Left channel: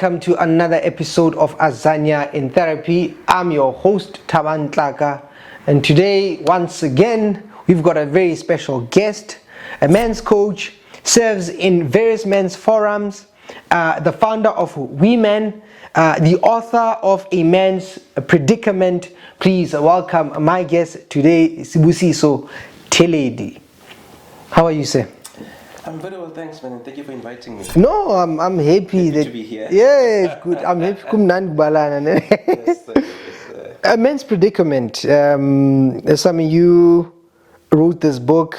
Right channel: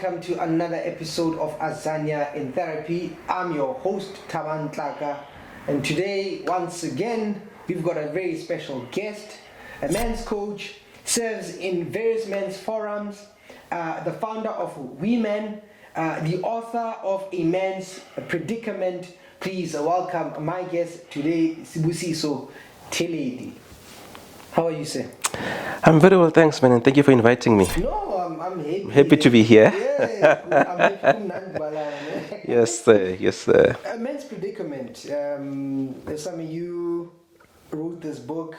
welcome to another episode of Azanina In Therapy. I'm your host, Thabang Tlaka, and today, once again, we've got a very special guest, a men's coach, serves in various men's forums, the founder of We Men, the author of A Man's Predicament. Please welcome my guest today, Sibusiso Theledi. How are you, sir? I'm very well, thanks, man, and thank you for inviting me. No, I'm happy. To be here. Yeah, good. I'm happy. Yes, sir. Yes, sir. A Man's Predicament. Some of you wrote this book.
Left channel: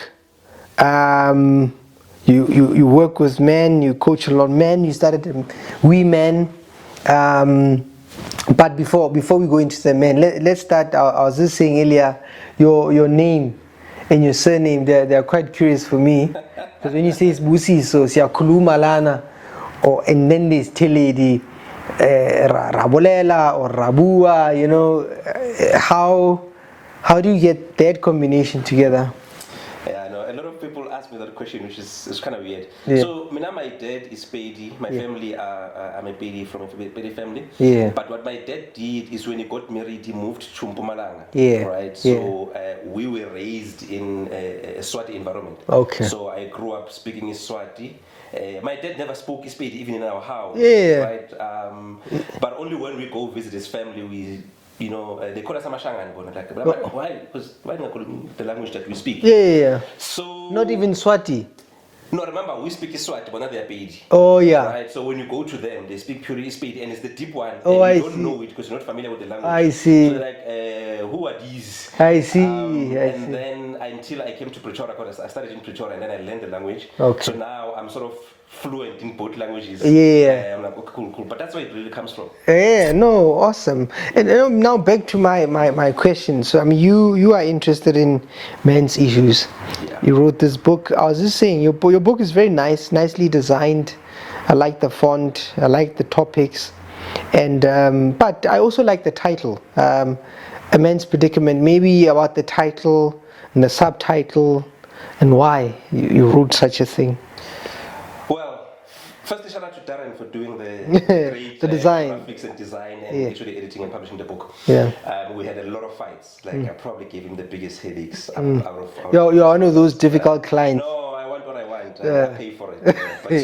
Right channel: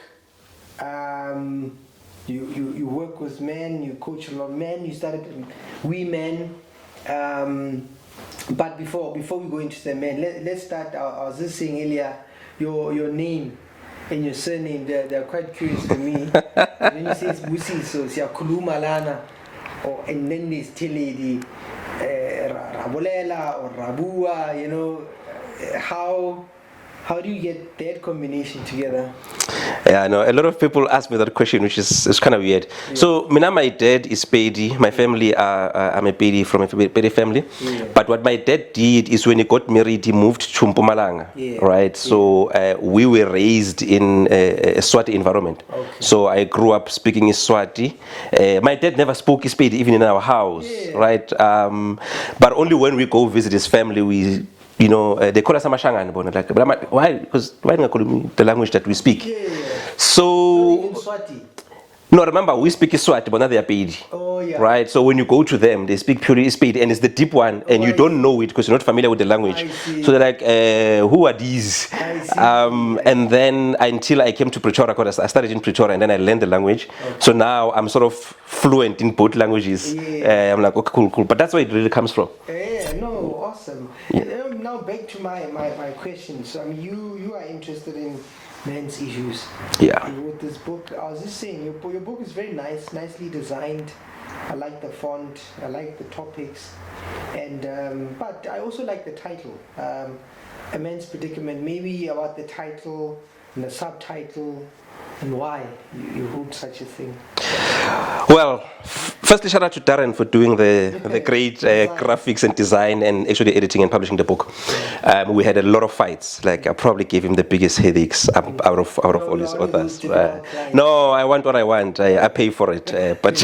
You work with men. You coach a lot of men. You started We Men. But before we go into the men, let's start. I was just saying earlier, your name and your surname, they're quite curious for me. But when you say Sibusiso, siyakhuluma lana, and then there's Theledi, Rabolela or Rabua, you know, how do you get that combination together? Yeah, I know. A lot of people ask me that question, which is kind of weird. Yeah. So, my dad is Pedi. My family I'm a Pedi from a Pedi family. Yeah. But what my dad did is when he got married, he moved to Mpumalanga. Yeah. Right? So, we were raised in a Swati environment. Okay. So, I grew up speaking Swati. My dad never spoke Pedi, even in our house. Yeah. Right? But only when we go visit his family, you know, they call us Amashangan, but I'm like, why? Because why don't I call me the language that we speak? Yeah. So not even Swati. No, remember, we speak Swati, but not they are Pedi. Oh, yeah. Right? So when you go to them, they speak purely Pedi, and it's the deep one, and you don't know it because you're not familiar with the language. I see. So they're like, who are these? I see. And then until I came to Pretoria, because I started in Pretoria, and then I learned the language. Okay. So now I'm sort of fluent in both languages. Yeah. I'm like, okay, cool. But that's where it really comes from. Yeah, no, awesome. And now back to my question. So, I mean, you are interested in men's issues. Yeah. You wrote this book. I was just saying, your book is very nice, nicely designed. I like the font. I like the topics. And but I also like the title, A Man's Predicament. Maybe about the title and the subtitle and why you wrote such a thing. Well, firstly, shout out to Darren for doing the great graphics and design and actually editing and publishing the book. Yeah. We had a lot of fights. Like I probably gave him the biggest headaches out of You're one of those difficult clients. No, I want what I want. I pay for it. But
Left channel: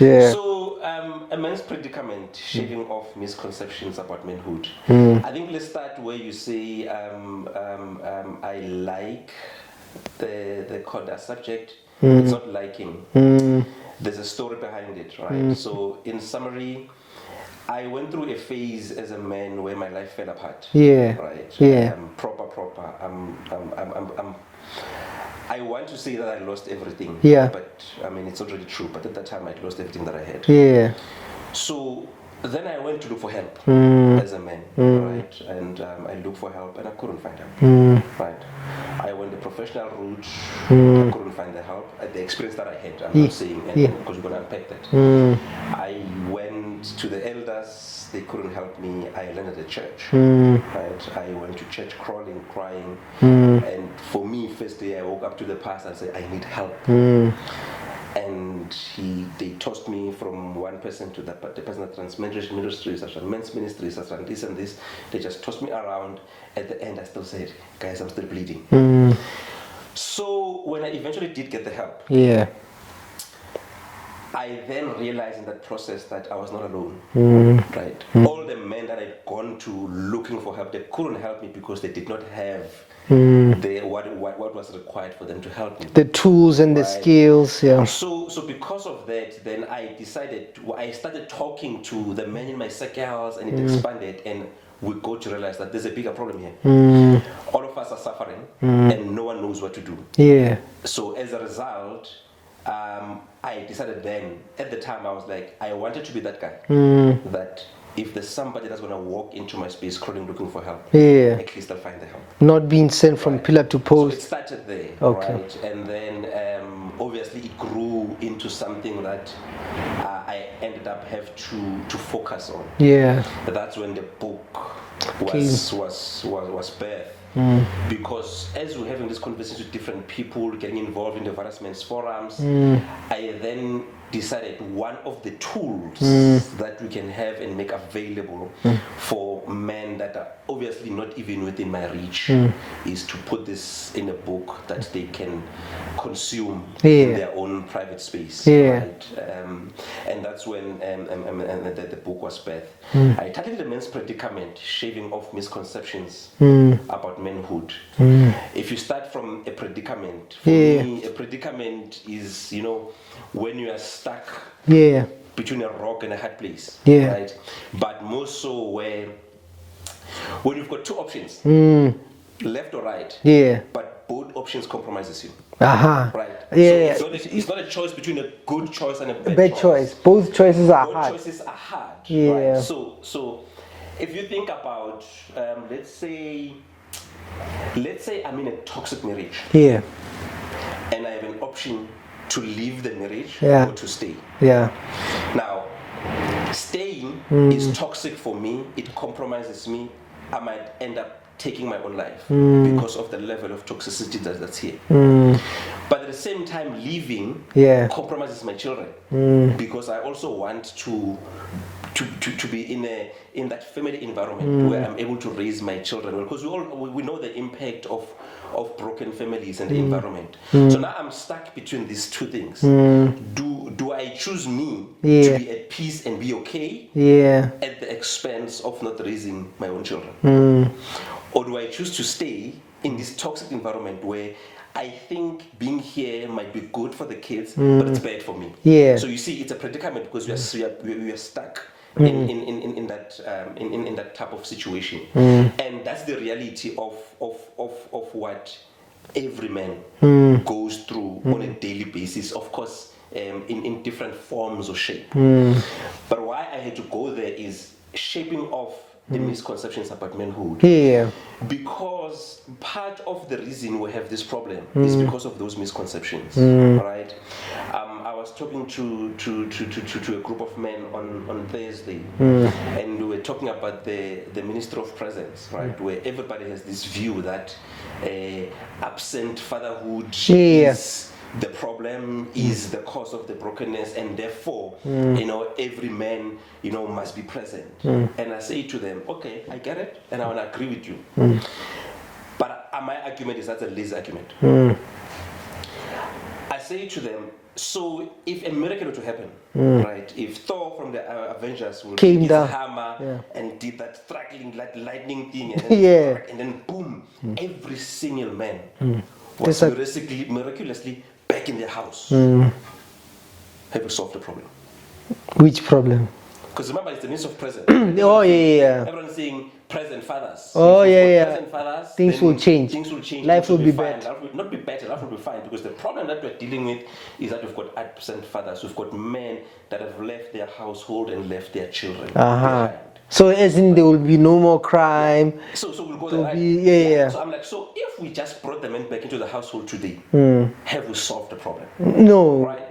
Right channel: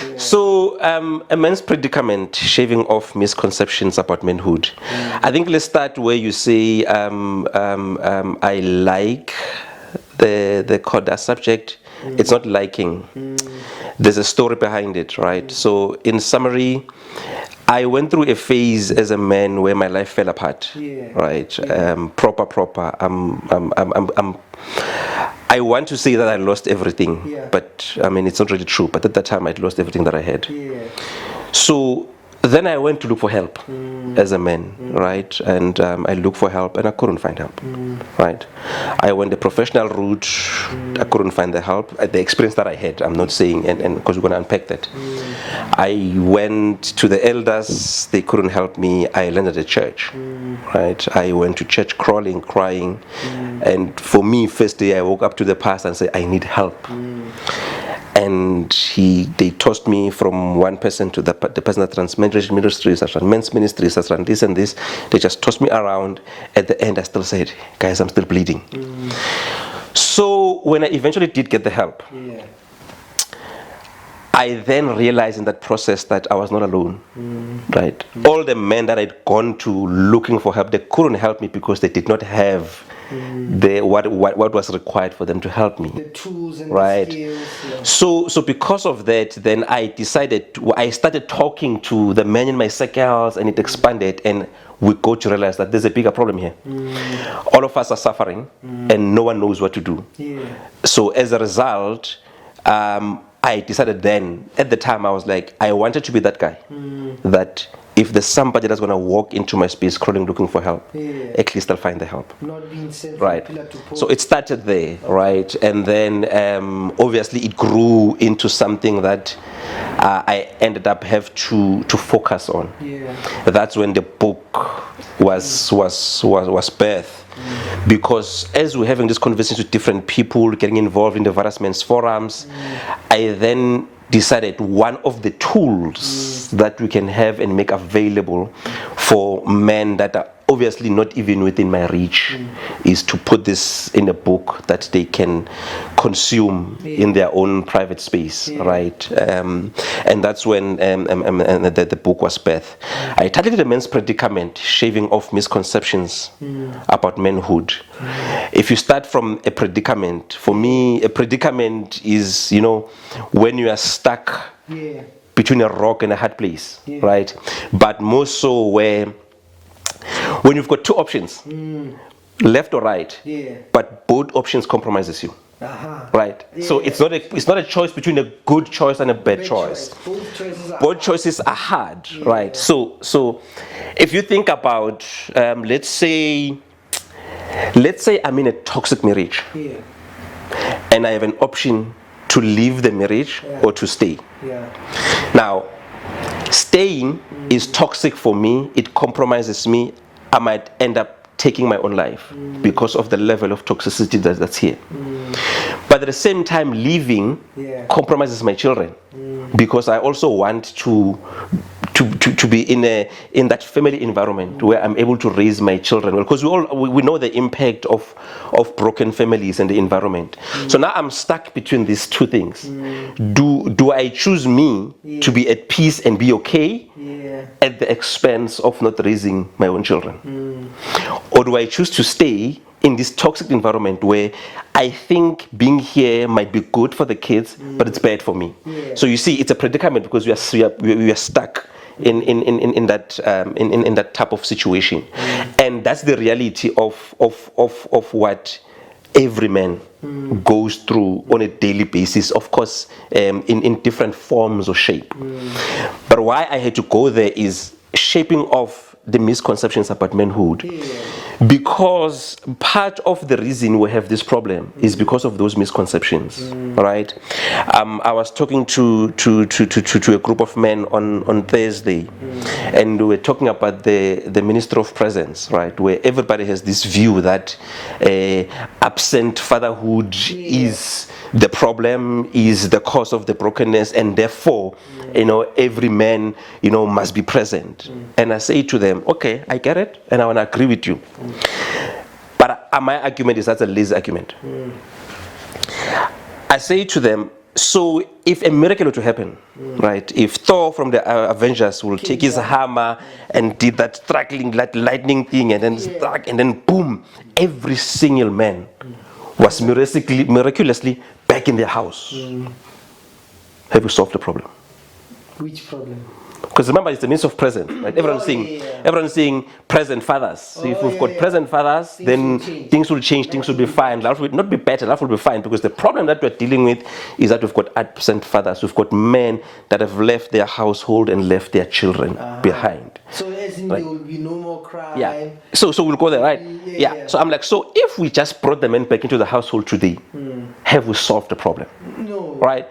yeah. So, A Man's Predicament, shaving off misconceptions about manhood. I think let's start where you say I like the subject. It's not liking. There's a story behind it, right? So, in summary, I went through a phase as a man where my life fell apart. Yeah. Right. Yeah. Proper. I want to say that I lost everything. Yeah. But I mean, it's not really true. But at that time, I'd lost everything that I had. Yeah. So then I went to look for help as a man, right? And I looked for help and I couldn't find help, right? I went the professional route, I couldn't find the help. The experience that I had, I'm not saying, and because we're going to unpack that. I went to the elders, they couldn't help me. I landed at church, right? I went to church crawling, crying. And for me, first day I woke up to the pastor and said, I need help. And they tossed me from one person to the person that runs ministries, that runs men's ministries, that runs this and this. They just tossed me around. At the end, I still said, guys, I'm still bleeding. So when I eventually did get the help, I then realized in that process that I was not alone, right? All the men that I'd gone to looking for help, they couldn't help me because they did not have what was required for them to help me. The tools and the skills, yeah. So because of that, then I started talking to the men in my circles, and it expanded, and we got to realize that there's a bigger problem here. All of us are suffering, and no one knows what to do. Yeah. So as a result, I decided then, at the time, I was like, I wanted to be that guy, that if there's somebody that's going to walk into my space crawling looking for help, at least I'll find the help. Not being sent from pillar to post. So it started there, right? And then obviously it grew into something that I ended up have to focus on. Yeah. That's when the book was birthed. Because as we're having these conversations with different people, getting involved in the various men's forums, I then decided one of the tools that we can have and make available for men that are obviously not even within my reach is to put this in a book that they can consume in their own private space, right? And that's when the book was birthed. I titled it The Men's Predicament, Shaving Off Misconceptions About Manhood. If you start from a predicament, for me, a predicament is, you know, when you are stuck between a rock and a hard place, right? But more so when you've got two options, left or right, but both options compromises you. Right. So it's not a choice between a good choice and a bad choice. Both choices are hard. Choices are hard, right? So if you think about let's say I'm in a toxic marriage. And I have an option to leave the marriage or to stay. Now, staying is toxic for me. It compromises me. I might end up taking my own life because of the level of toxicity that's here. But at the same time, leaving compromises my children because I also want to be in that family environment where I'm able to raise my children well, because we know the impact of broken families and the environment. So now I'm stuck between these two things. Do I choose me to be at peace and be okay at the expense of not raising my own children? Or do I choose to stay in this toxic environment where I think being here might be good for the kids, but it's bad for me? So you see, it's a predicament because we are stuck in that type of situation, and that's the reality of what every man goes through on a daily basis, of course, in different forms or shape. But why I had to go there is shaping off the misconceptions about manhood, because part of the reason we have this problem is because of those misconceptions, right? I was talking to a group of men on Thursday, and we were talking about the Minister of Presence, right, where everybody has this view that absent fatherhood is the problem, is the cause of the brokenness, and therefore, every man, must be present. And I say to them, okay, I get it, and I want to agree with you. But my argument is that's a lazy argument. I say to them, so if a miracle were to happen, right, if Thor from the Avengers will take his hammer and did that struggling, that lightning thing, and then struck, and then boom, every single man was miraculously back in their house. Have we solved the problem? Which problem? Because remember, it's the means of present. Right? Everyone's saying present fathers. So if we've got present fathers, then things will change, things will be fine. Life will not be better, life will be fine. Because the problem that we're dealing with is that we've got absent fathers. We've got men that have left their household and left their children behind. So as in there will be no more crime. So we'll go there, right? So I'm like, so if we just brought the men back into the household today, have we solved the problem? No. Right?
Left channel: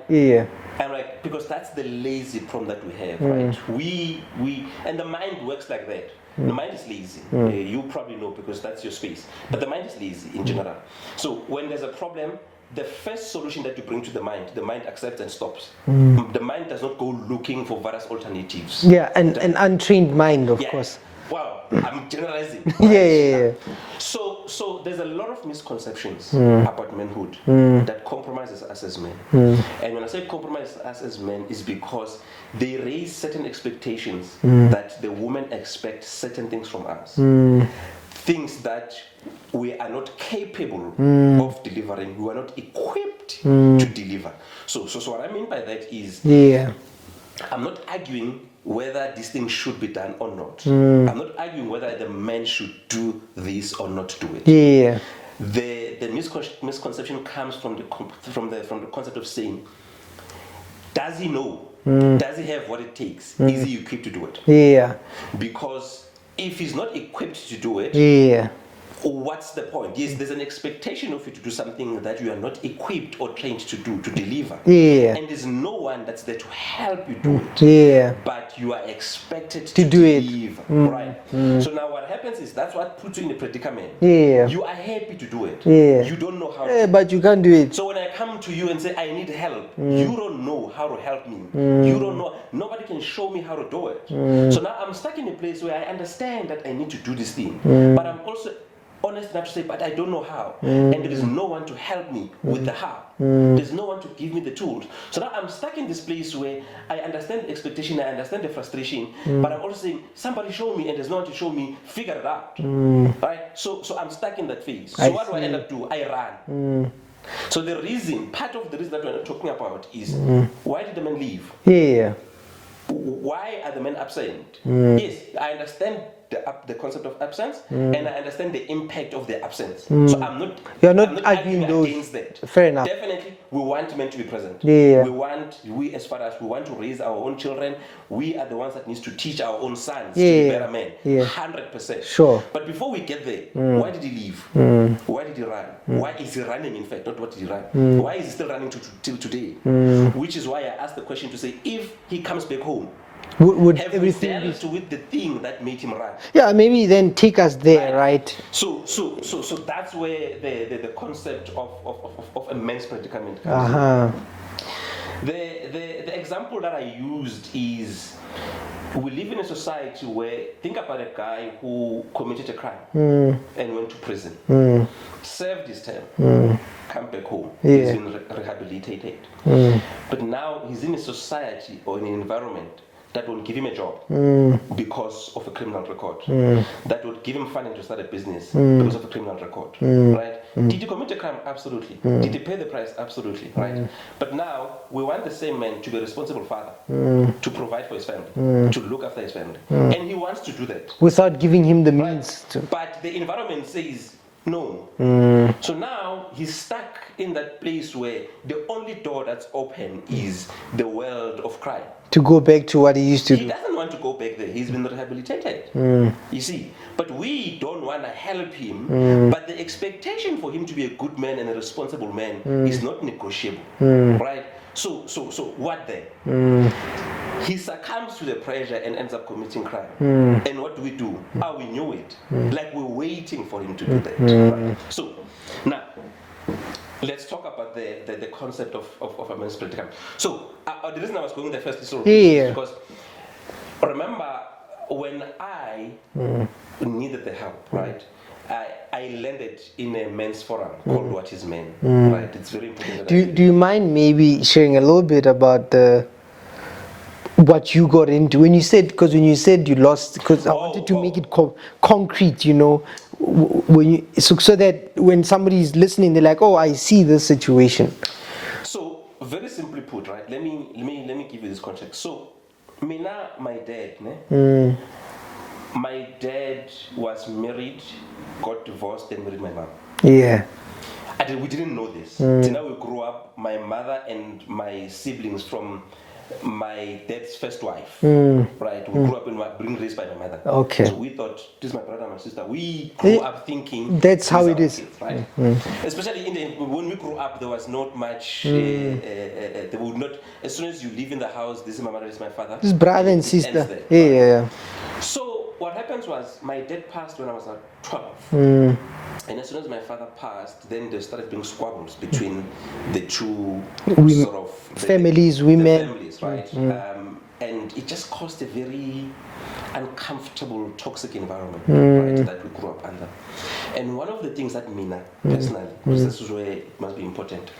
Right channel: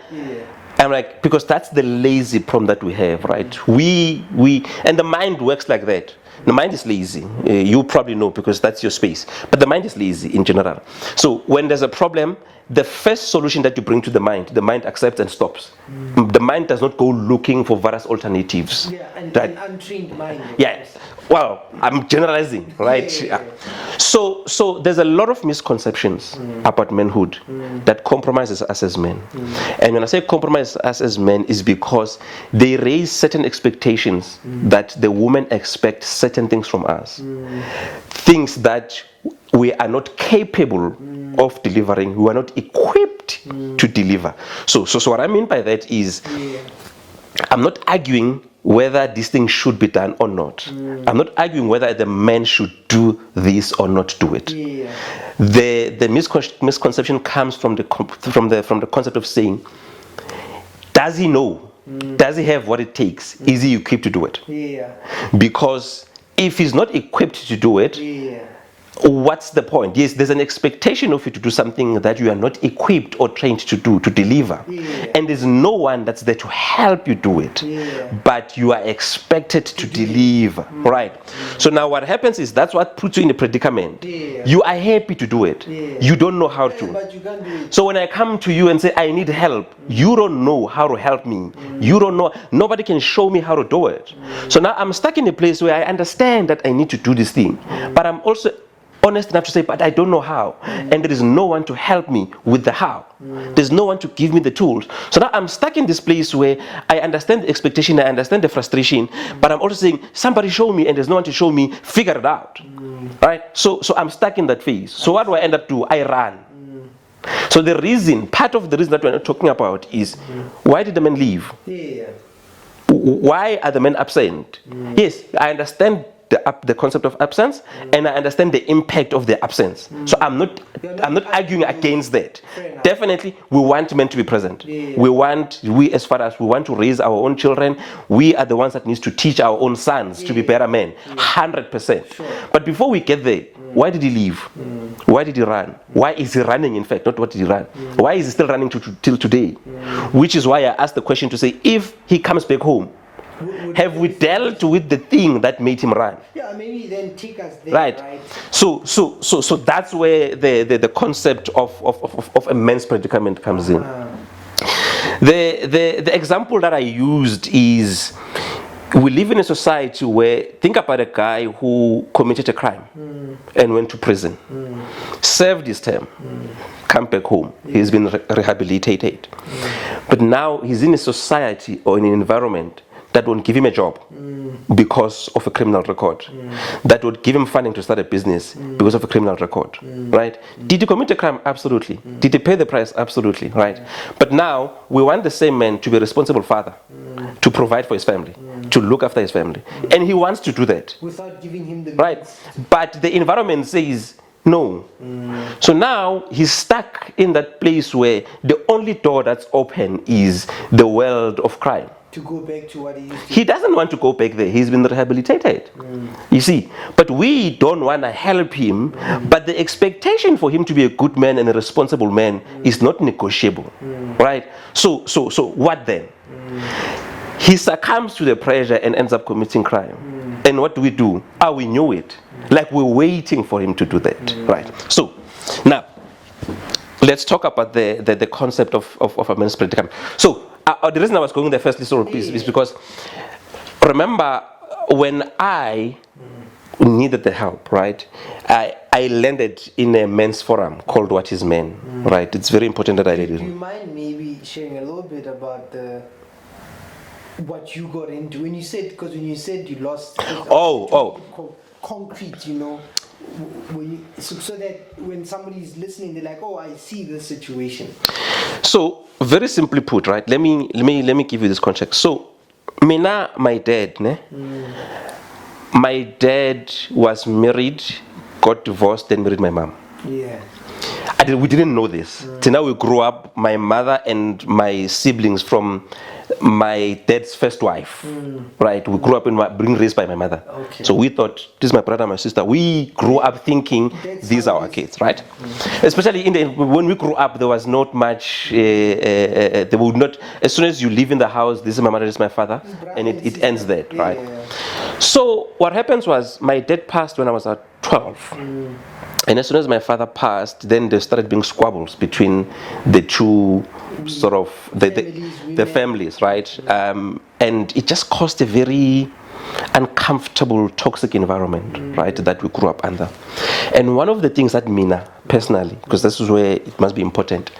I'm like, because that's the lazy problem that we have, right? And the mind works like that. The mind is lazy. You probably know because that's your space. But the mind is lazy in general. So when there's a problem, the first solution that you bring to the mind accepts and stops. The mind does not go looking for various alternatives. An untrained mind, of course. Well, I'm generalizing, right? So there's a lot of misconceptions about manhood that compromises us as men. And when I say compromise us as men, is because they raise certain expectations that the woman expects certain things from us. Things that we are not capable of delivering. We are not equipped to deliver. So what I mean by that is, I'm not arguing whether this thing should be done or not. I'm not arguing whether the man should do this or not do it. The misconception comes from the concept of saying, does he know? Does he have what it takes? Is he equipped to do it? Because if he's not equipped to do it, what's the point? Yes, there's an expectation of you to do something that you are not equipped or trained to do, to deliver. Yeah. And there's no one that's there to help you do it. Yeah. But you are expected to deliver, right? So now what happens is that's what puts you in a predicament. Yeah. You are happy to do it. Yeah. You don't know how to. But you can't do it. So when I come to you and say, I need help, you don't know how to help me. You don't know. Nobody can show me how to do it. So now I'm stuck in a place where I understand that I need to do this thing. But I'm also honest enough to say, but I don't know how. And there is no one to help me with the how. There's no one to give me the tools. So now I'm stuck in this place where I understand the expectation, I understand the frustration, but I'm also saying, somebody show me, and there's no one to show me, figure it out. Right? So I'm stuck in that phase. So what do I end up doing? I run. So the reason, part of the reason that we're not talking about is, why did the men leave? Yeah. Why are the men absent? Yes, I understand the concept of absence, and I understand the impact of the absence. So I'm not arguing against that. Fair enough. Definitely, we want men to be present. Yeah. We as far as we want to raise our own children, we are the ones that needs to teach our own sons to be better men. 100%. Sure. But before we get there, why did he leave? Why did he run? Why is he running, in fact? Not what did he run? Why is he still running till today? Which is why I asked the question to say, if he comes back home, have we dealt with the thing that made him run? Yeah, maybe then take us there, right? So that's where the concept of a man's predicament comes in. The example that I used is, we live in a society where, think about a guy who committed a crime and went to prison, served his term, come back home, he's been rehabilitated. But now he's in a society or in an environment that won't give him a job because of a criminal record, that would give him funding to start a business because of a criminal record, right? Did he commit a crime? Absolutely. Did he pay the price? Absolutely, right? But now we want the same man to be a responsible father, to provide for his family, to look after his family, and he wants to do that without giving him the means. But the environment says no. So now he's stuck in that place where the only door that's open is the world of crime. To go back to what he used to do. He doesn't want to go back there. He's been rehabilitated. You see, but we don't want to help him. But the expectation for him to be a good man and a responsible man is not negotiable, right? So what then? He succumbs to the pressure and ends up committing crime. And what do? We knew it. Like we're waiting for him to do that, right? So now, let's talk about the concept of a man's predicament. So the reason I was going there firstly, is because, remember, when I needed the help, right, I landed in a men's forum called What is Men, right? It's very important that Do you mind maybe sharing a little bit about what you got into when you said you lost, because I wanted to make it concrete, you know, so that when somebody is listening, they're like, oh, I see this situation. So very simply put, right, let me give you this context. So Mina, my dad, my dad was married, got divorced, then married my mom. Yeah. We didn't know this. Till now we grew up, my mother and my siblings, from my dad's first wife, right? We grew up being raised by my mother. Okay. So we thought, this is my brother, my sister. We grew up thinking these are our kids, right? Especially when we grew up, there was not much. They would not. As soon as you live in the house, this is my mother, this is my father. This brother and sister. It ends there. Yeah. So what happens was, my dad passed when I was at 12. And as soon as my father passed, then there started being squabbles between the two sort of the families, right? And it just caused a very uncomfortable, toxic environment, right, that we grew up under. And one of the things that Mina, personally, because this is where it must be important,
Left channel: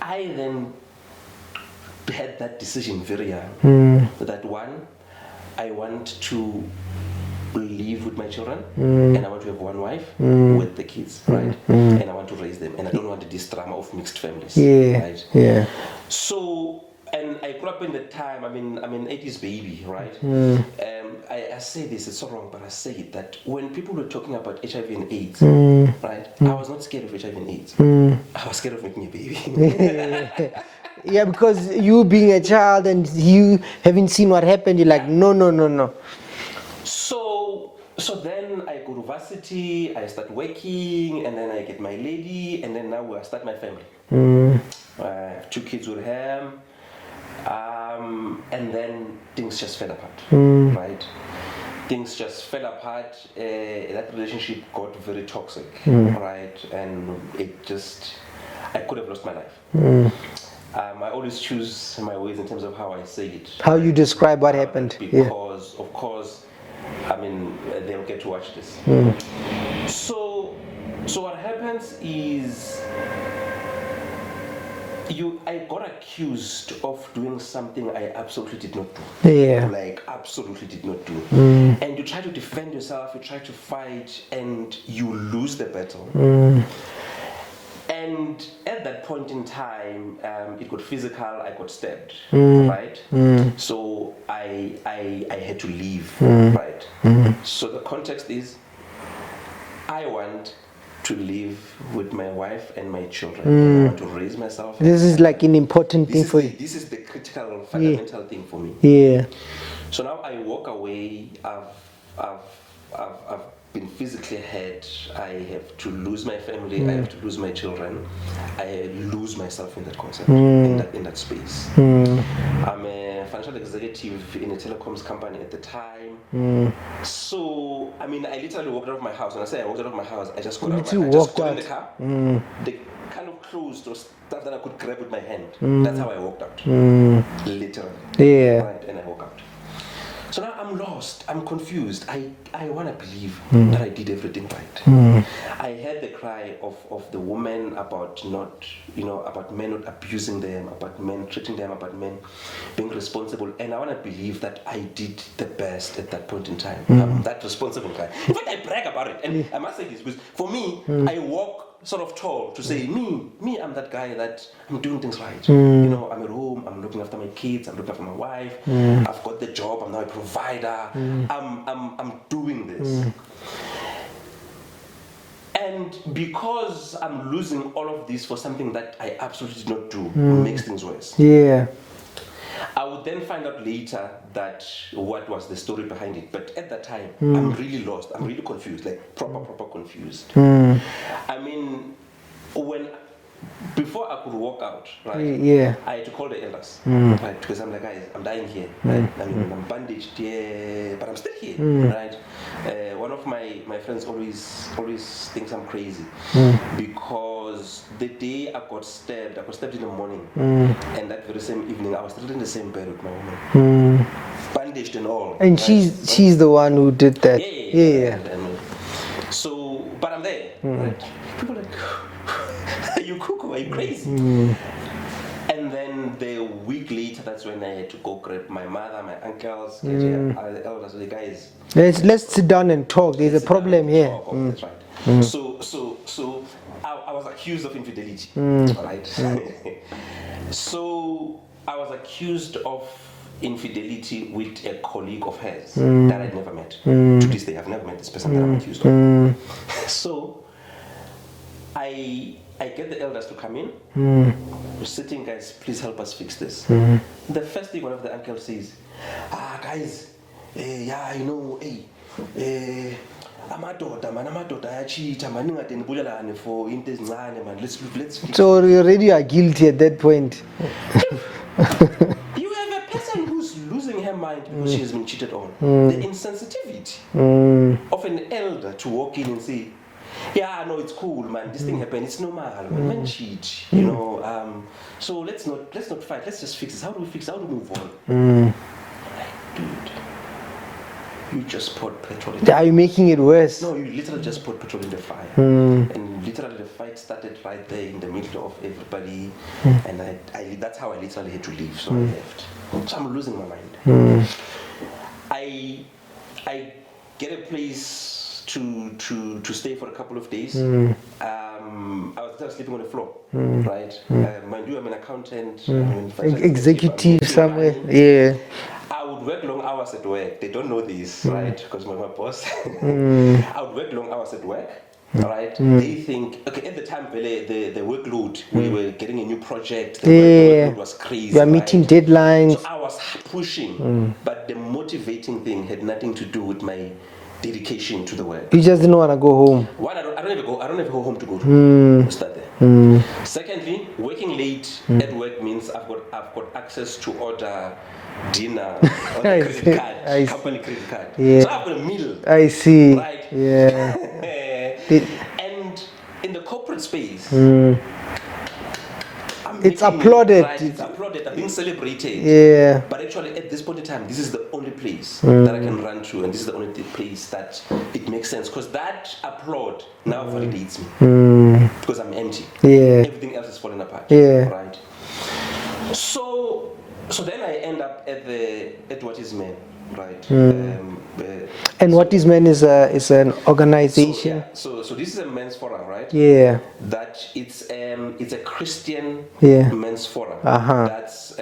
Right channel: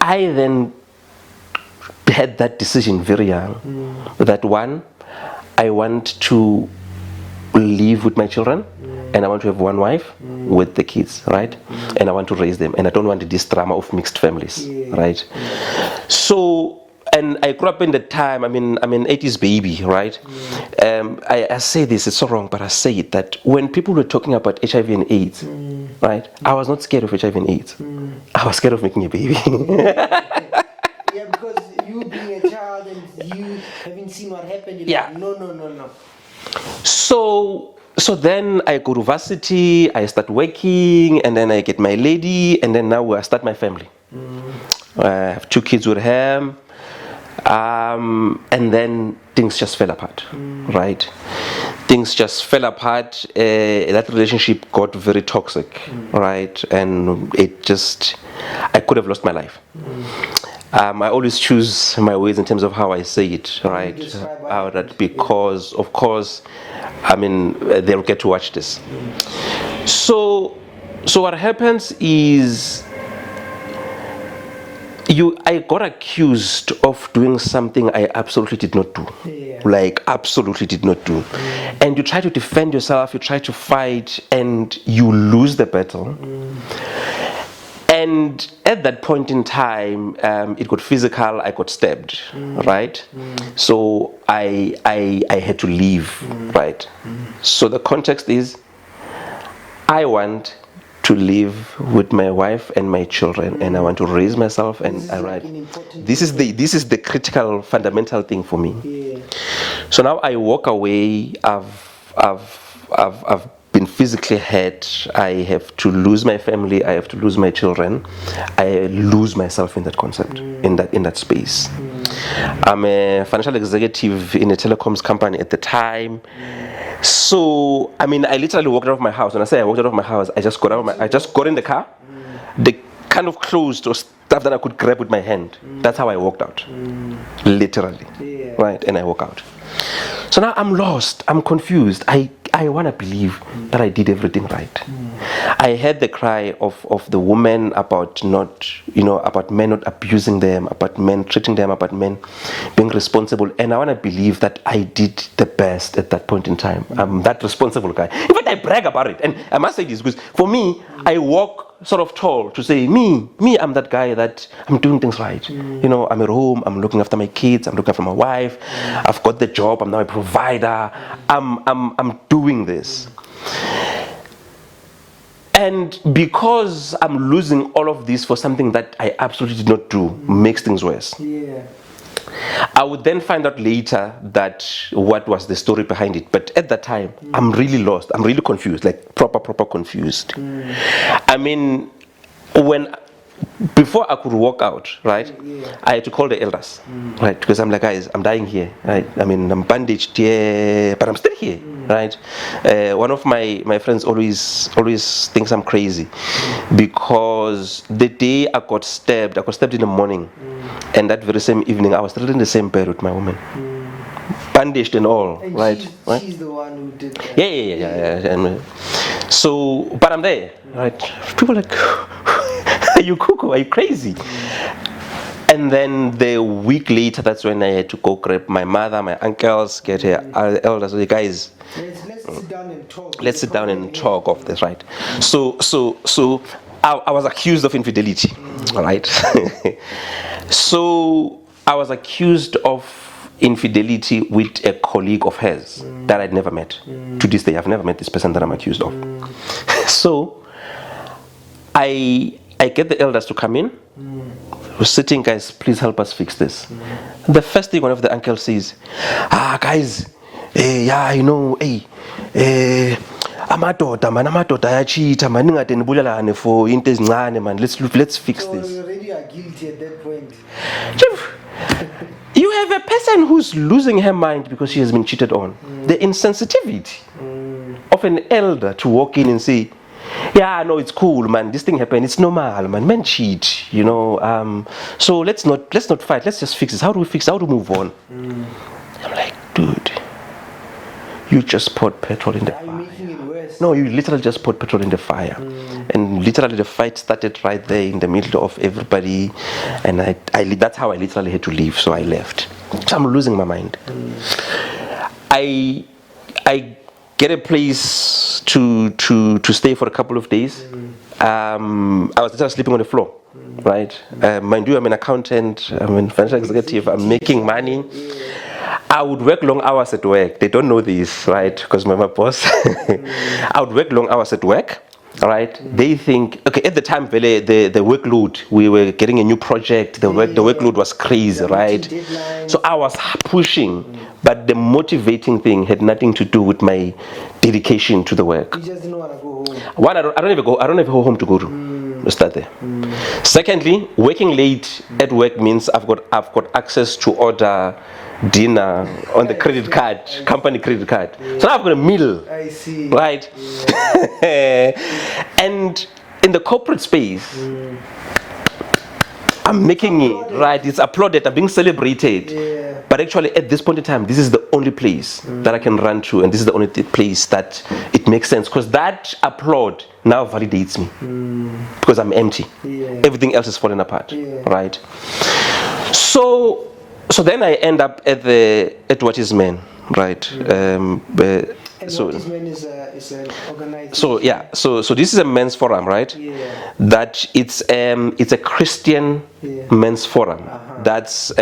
I then had that decision very young, that one, I want to live with my children, and I want to have one wife with the kids, right? And I want to raise them, and I don't want this drama of mixed families, right? So, and I grew up in the time, I'm an 80s baby, right? I say this, it's so wrong, but I say it, that when people were talking about HIV and AIDS, right, I was not scared of HIV and AIDS. I was scared of making a baby. Yeah, because you being a child and you having seen what happened, you're like, no. So So then I go to varsity, I start working, and then I get my lady, and then now I start my family. I have 2 kids with him, and then things just fell apart, right? Things just fell apart. That relationship got very toxic, right? And I could have lost my life. I always choose my words in terms of how I say it. How right? you describe what happened. Because, of course, I mean, they'll get to watch this. So what happens is, I got accused of doing something I absolutely did not do. Yeah. Like, absolutely did not do. And you try to defend yourself, you try to fight, and you lose the battle. And at that point in time, it got physical, I got stabbed, right? So I had to leave, right? So the context is, I want to live with my wife and my children, and I want to raise myself. This is like an important this is the critical, fundamental thing for me. Yeah. So now I walk away. I've been physically hurt. I have to lose my family. I have to lose my children. I lose myself in that concept, in that space. I'm a financial executive in a telecoms company at the time. So I mean, I literally walked out of my house. When I say I walked out of my house, I just got in the car. The kind of clothes or stuff that I could grab with my hand. That's how I walked out. Literally. Yeah. Right, and I walk out. So now I'm lost, I'm confused. I want to believe that I did everything right. I heard the cry of the woman about about men not abusing them, about men treating them, about men being responsible. And I want to believe that I did the best at that point in time. I'm that responsible guy. In fact, I brag about it. And I must say this because for me, I walk sort of tall to say, me, I'm that guy that I'm doing things right. I'm at home, I'm looking after my kids, I'm looking after my wife, I've got the job, I'm now a provider, I'm doing this. And because I'm losing all of this for something that I absolutely did not do, makes things worse. Yeah. I would then find out later that what was the story behind it. But at that time, I'm really lost. I'm really confused, like proper confused. I mean, before I could walk out, right? Yeah. I had to call the elders, right? Because I'm like, guys, I'm dying here, right? I mean, I'm bandaged here, but I'm still here, right? One of my friends always thinks I'm crazy because the day I got stabbed in the morning, and that very same evening, I was still in the same bed with my woman, bandaged and all. And right? she's the one who did that. Yeah. And so, but I'm there, right? People are like, are you cuckoo? Are you crazy? And then the week later, that's when I had to go grab my mother, my uncles, get her elders. So, guys, let's sit down and talk. Let's sit down and talk of this, right? So I was accused of infidelity, right? So I was accused of infidelity with a colleague of hers that I'd never met. To this day, I've never met this person that I'm accused of. So I get the elders to come in. We're sitting, guys, please help us fix this. The first thing one of the uncles says, guys, amadoda ayachita man, ningade nibulelane for into ezincane man, let's fix so this. you already are guilty at that point. You have a person who's losing her mind because she has been cheated on. The insensitivity of an elder to walk in and say, yeah, no, it's cool, man. This thing happened. It's normal, man. Men cheat, So let's not fight. Let's just fix this. How do we fix? How do we move on? I'm like, dude, you just poured petrol in the fire. Are you making it worse? No, you literally just poured petrol in the fire, and literally the fight started right there in the middle of everybody, and that's how I literally had to leave. So I left. So I'm losing my mind. I get a place to stay for a couple of days. I was just sleeping on the floor, right? Mind you, I'm an accountant, I'm a financial executive, I'm making money. Yeah. I would work long hours at work. They don't know this, right? Because my boss. I would work long hours at work. Right? They think, okay, at the time, the workload, we were getting a new project, the workload was crazy, right? Meeting deadlines. So I was pushing, but the motivating thing had nothing to do with my dedication to the work. You just didn't want to go home. One, I don't even go home to go to start there. Secondly, working late at work means I've got access to order dinner on the credit card, company credit card. Yeah. So now I've got a meal. I see. Right? Yeah. And in the corporate space, It's applauded. Right, it's applauded, I'm being celebrated. Yeah. But actually, at this point in time, this is the only place that I can run to, and this is the only place that it makes sense, because that applaud now validates me, because I'm empty. Yeah. Everything else is falling apart. Yeah. Right. So then I end up at What Is Men. Right. And What Is Men is an organization. So this is a men's forum, right? Yeah. That it's a Christian men's forum. That's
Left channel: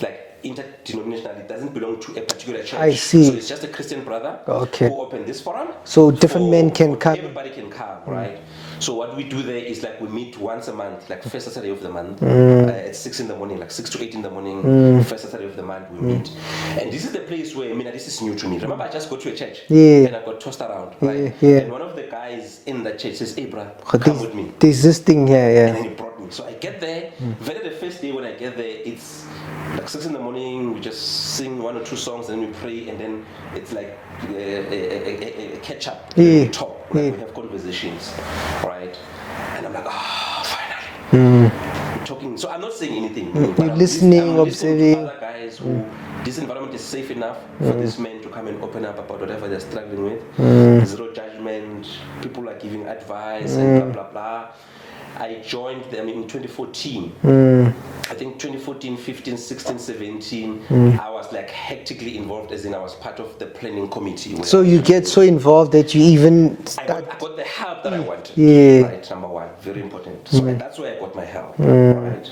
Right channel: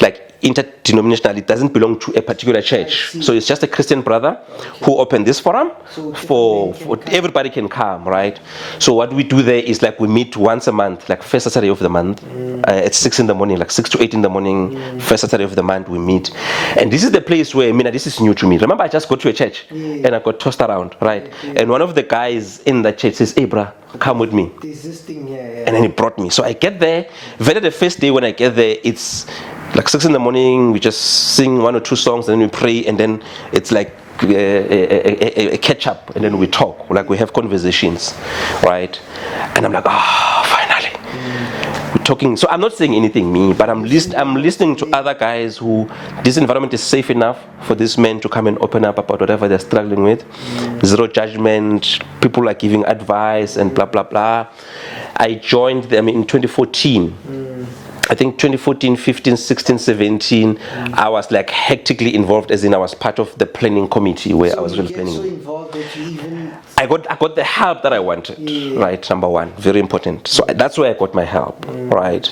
like interdenominational. It doesn't belong to a particular church. I see. So it's just a Christian brother who opened this forum. So different men can come. Everybody can come, right? So what we do there is like we meet once a month, like first Saturday of the month at 6 in the morning, like 6 to 8 in the morning, first Saturday of the month we meet. And this is the place where, this is new to me. Remember, I just got to a church and I got tossed around, right? And one of the guys in the church says, "Hey, bruh, come with me. There's this thing here, And then he brought me. So I get there. Very the first day when I get there, it's like 6 in the morning, we just sing 1 or 2 songs, and then we pray, and then it's like a catch up, and then we talk, like we have conversations, right? And I'm like, finally. We're talking. So I'm not saying anything, but I'm listening to other guys who this environment is safe enough for these men to come and open up about whatever they're struggling with. Zero judgment. People are giving advice and blah blah blah. I joined them in 2014. I think 2014, 15, 16, 17, I was like hectically involved, as in I was part of the planning committee. So you get so involved that you even... I got the help that I wanted, right? Number one, very important. So that's where I got my help, right?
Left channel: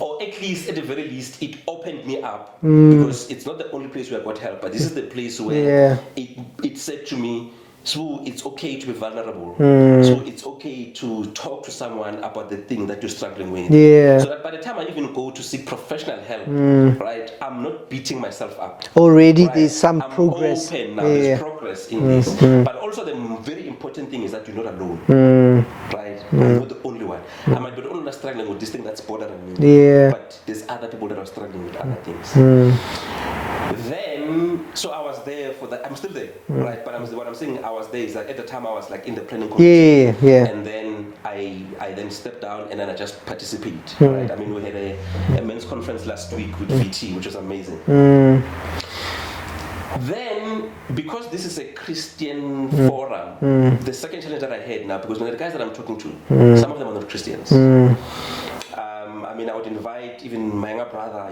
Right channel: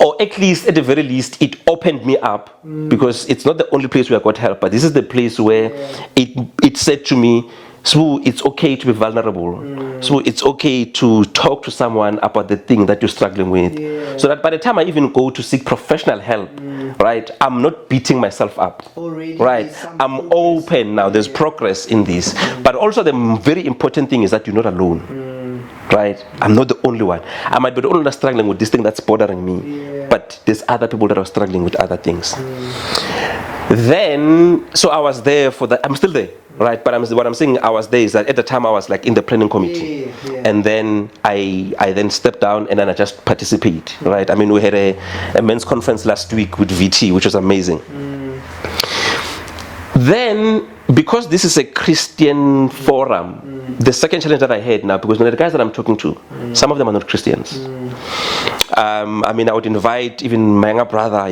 Or at least, at the very least, it opened me up, because it's not the only place where I got help, but this is the place where it said to me, so it's okay to be vulnerable. So it's okay to talk to someone about the thing that you're struggling with. So that by the time I even go to seek professional help, right, I'm not beating myself up. Already right? there's some I'm progress. open now. There's progress in this. But also the very important thing is that you're not alone. Right? I'm not the only one. I might be the only one struggling with this thing that's bothering me. But there's other people that are struggling with other things. Then, so I was there for that. I'm still there, right? But what I'm saying, I was there is that at the time I was like in the planning committee, and then I then stepped down and then I just participate, right? I mean, we had a men's conference last week with VT, which was amazing. Then, because this is a Christian forum, the second challenge that I had now, because the guys that I'm talking to, some of them are not Christians. I mean, I would invite even my younger brother,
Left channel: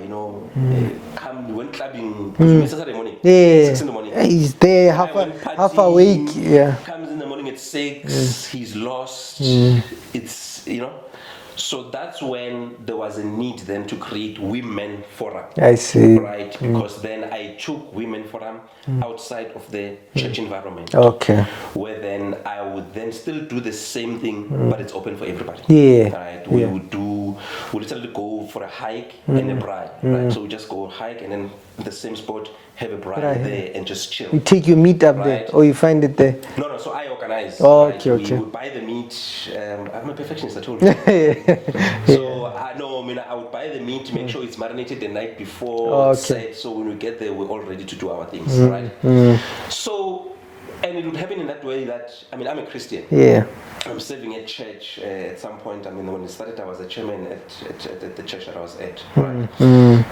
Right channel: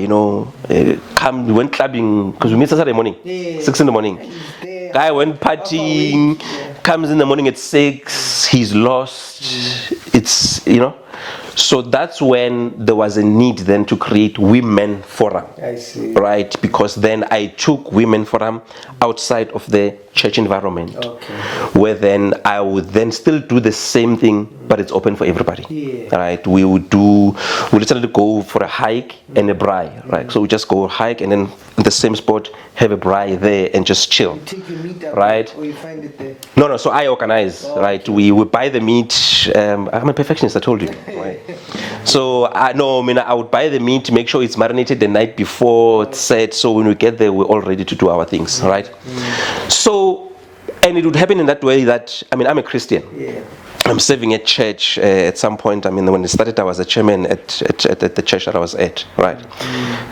come, we went clubbing, because we meet Saturday morning, 6 in the morning. He's there. Guy went partying, comes in the morning at 6, he's lost, it's, So that's when there was a need then to create Women Forum. I see. Right, because then I took Women Forum outside of the church environment. Okay. Where then I would then still do the same thing, but it's open for everybody. Right, we literally go for a hike and a braai. Right, so we just go hike and then in the same spot have a braai there and just chill. You take your meat up there, or you find it there? No, so I organize, right? We buy the meat. I'm a perfectionist, I told you. So I would buy the meat, make sure it's marinated the night before, it's set, so when we get there, we're all ready to do our things, right? So, and it would happen in that way that, I'm a Christian. I'm serving at church at some point. When it started, I was a chairman at the church that I was at, right?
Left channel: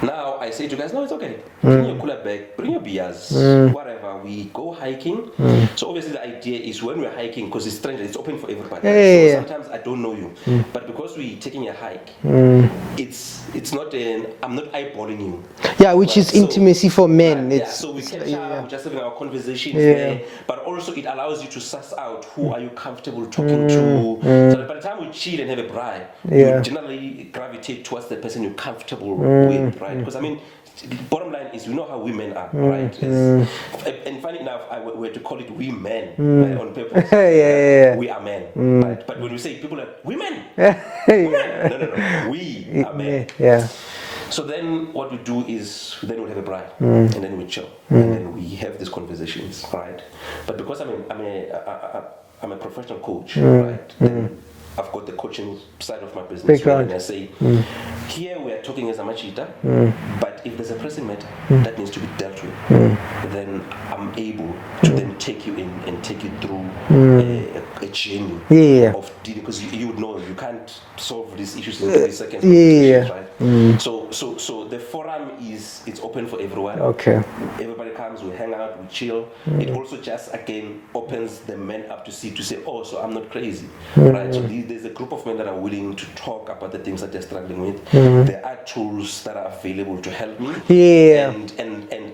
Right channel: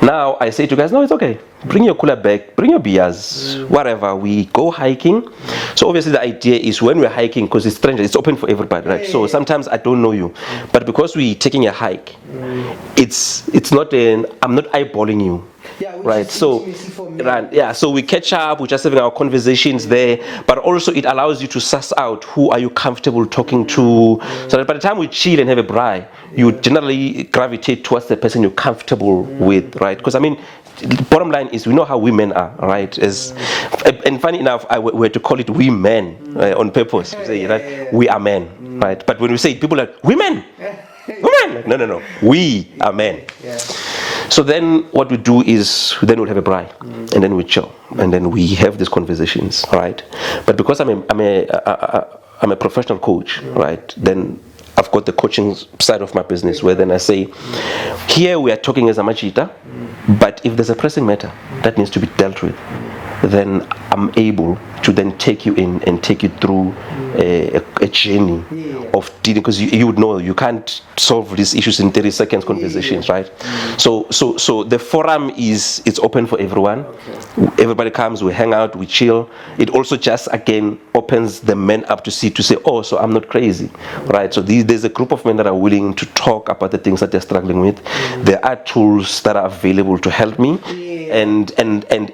Now, I say to guys, no, it's okay. Bring your cooler bag, bring your beers, whatever. We go hiking. So obviously the idea is when we're hiking, because it's strange, it's open for everybody, right? So sometimes I don't know you. But because we're taking a hike, it's not I'm not eyeballing you. Yeah, which is intimacy for men. Right, so we catch up, we're just having our conversations there. But also it allows you to suss out who are you comfortable talking to. So that by the time we chill and have a braai, you generally gravitate towards the person you're comfortable with, right? Because bottom line is we know how women are, right? And funny enough, we had to call it we men on purpose. We are men, right? But when we say it, people are like, women! Women! No. We are men. So then what we do is then we'll have a braai, and then we chill, and then we have these conversations, right? But because I'm a professional coach, right? Then I've got the coaching side of my business where then I say, here we are talking as a machita, but if there's a pressing matter that needs to be dealt with, then I'm able to then take you in and take you through a journey of dealing, because you would know you can't solve these issues in 30 seconds conversations, right? So the forum it's open for everyone. Okay. Everybody comes, we hang out, we chill. It also just again opens the men up to say, oh, so I'm not crazy, right? So there's a group of men that are willing to talk about the things that they're struggling with. There are tools that are available to help me. And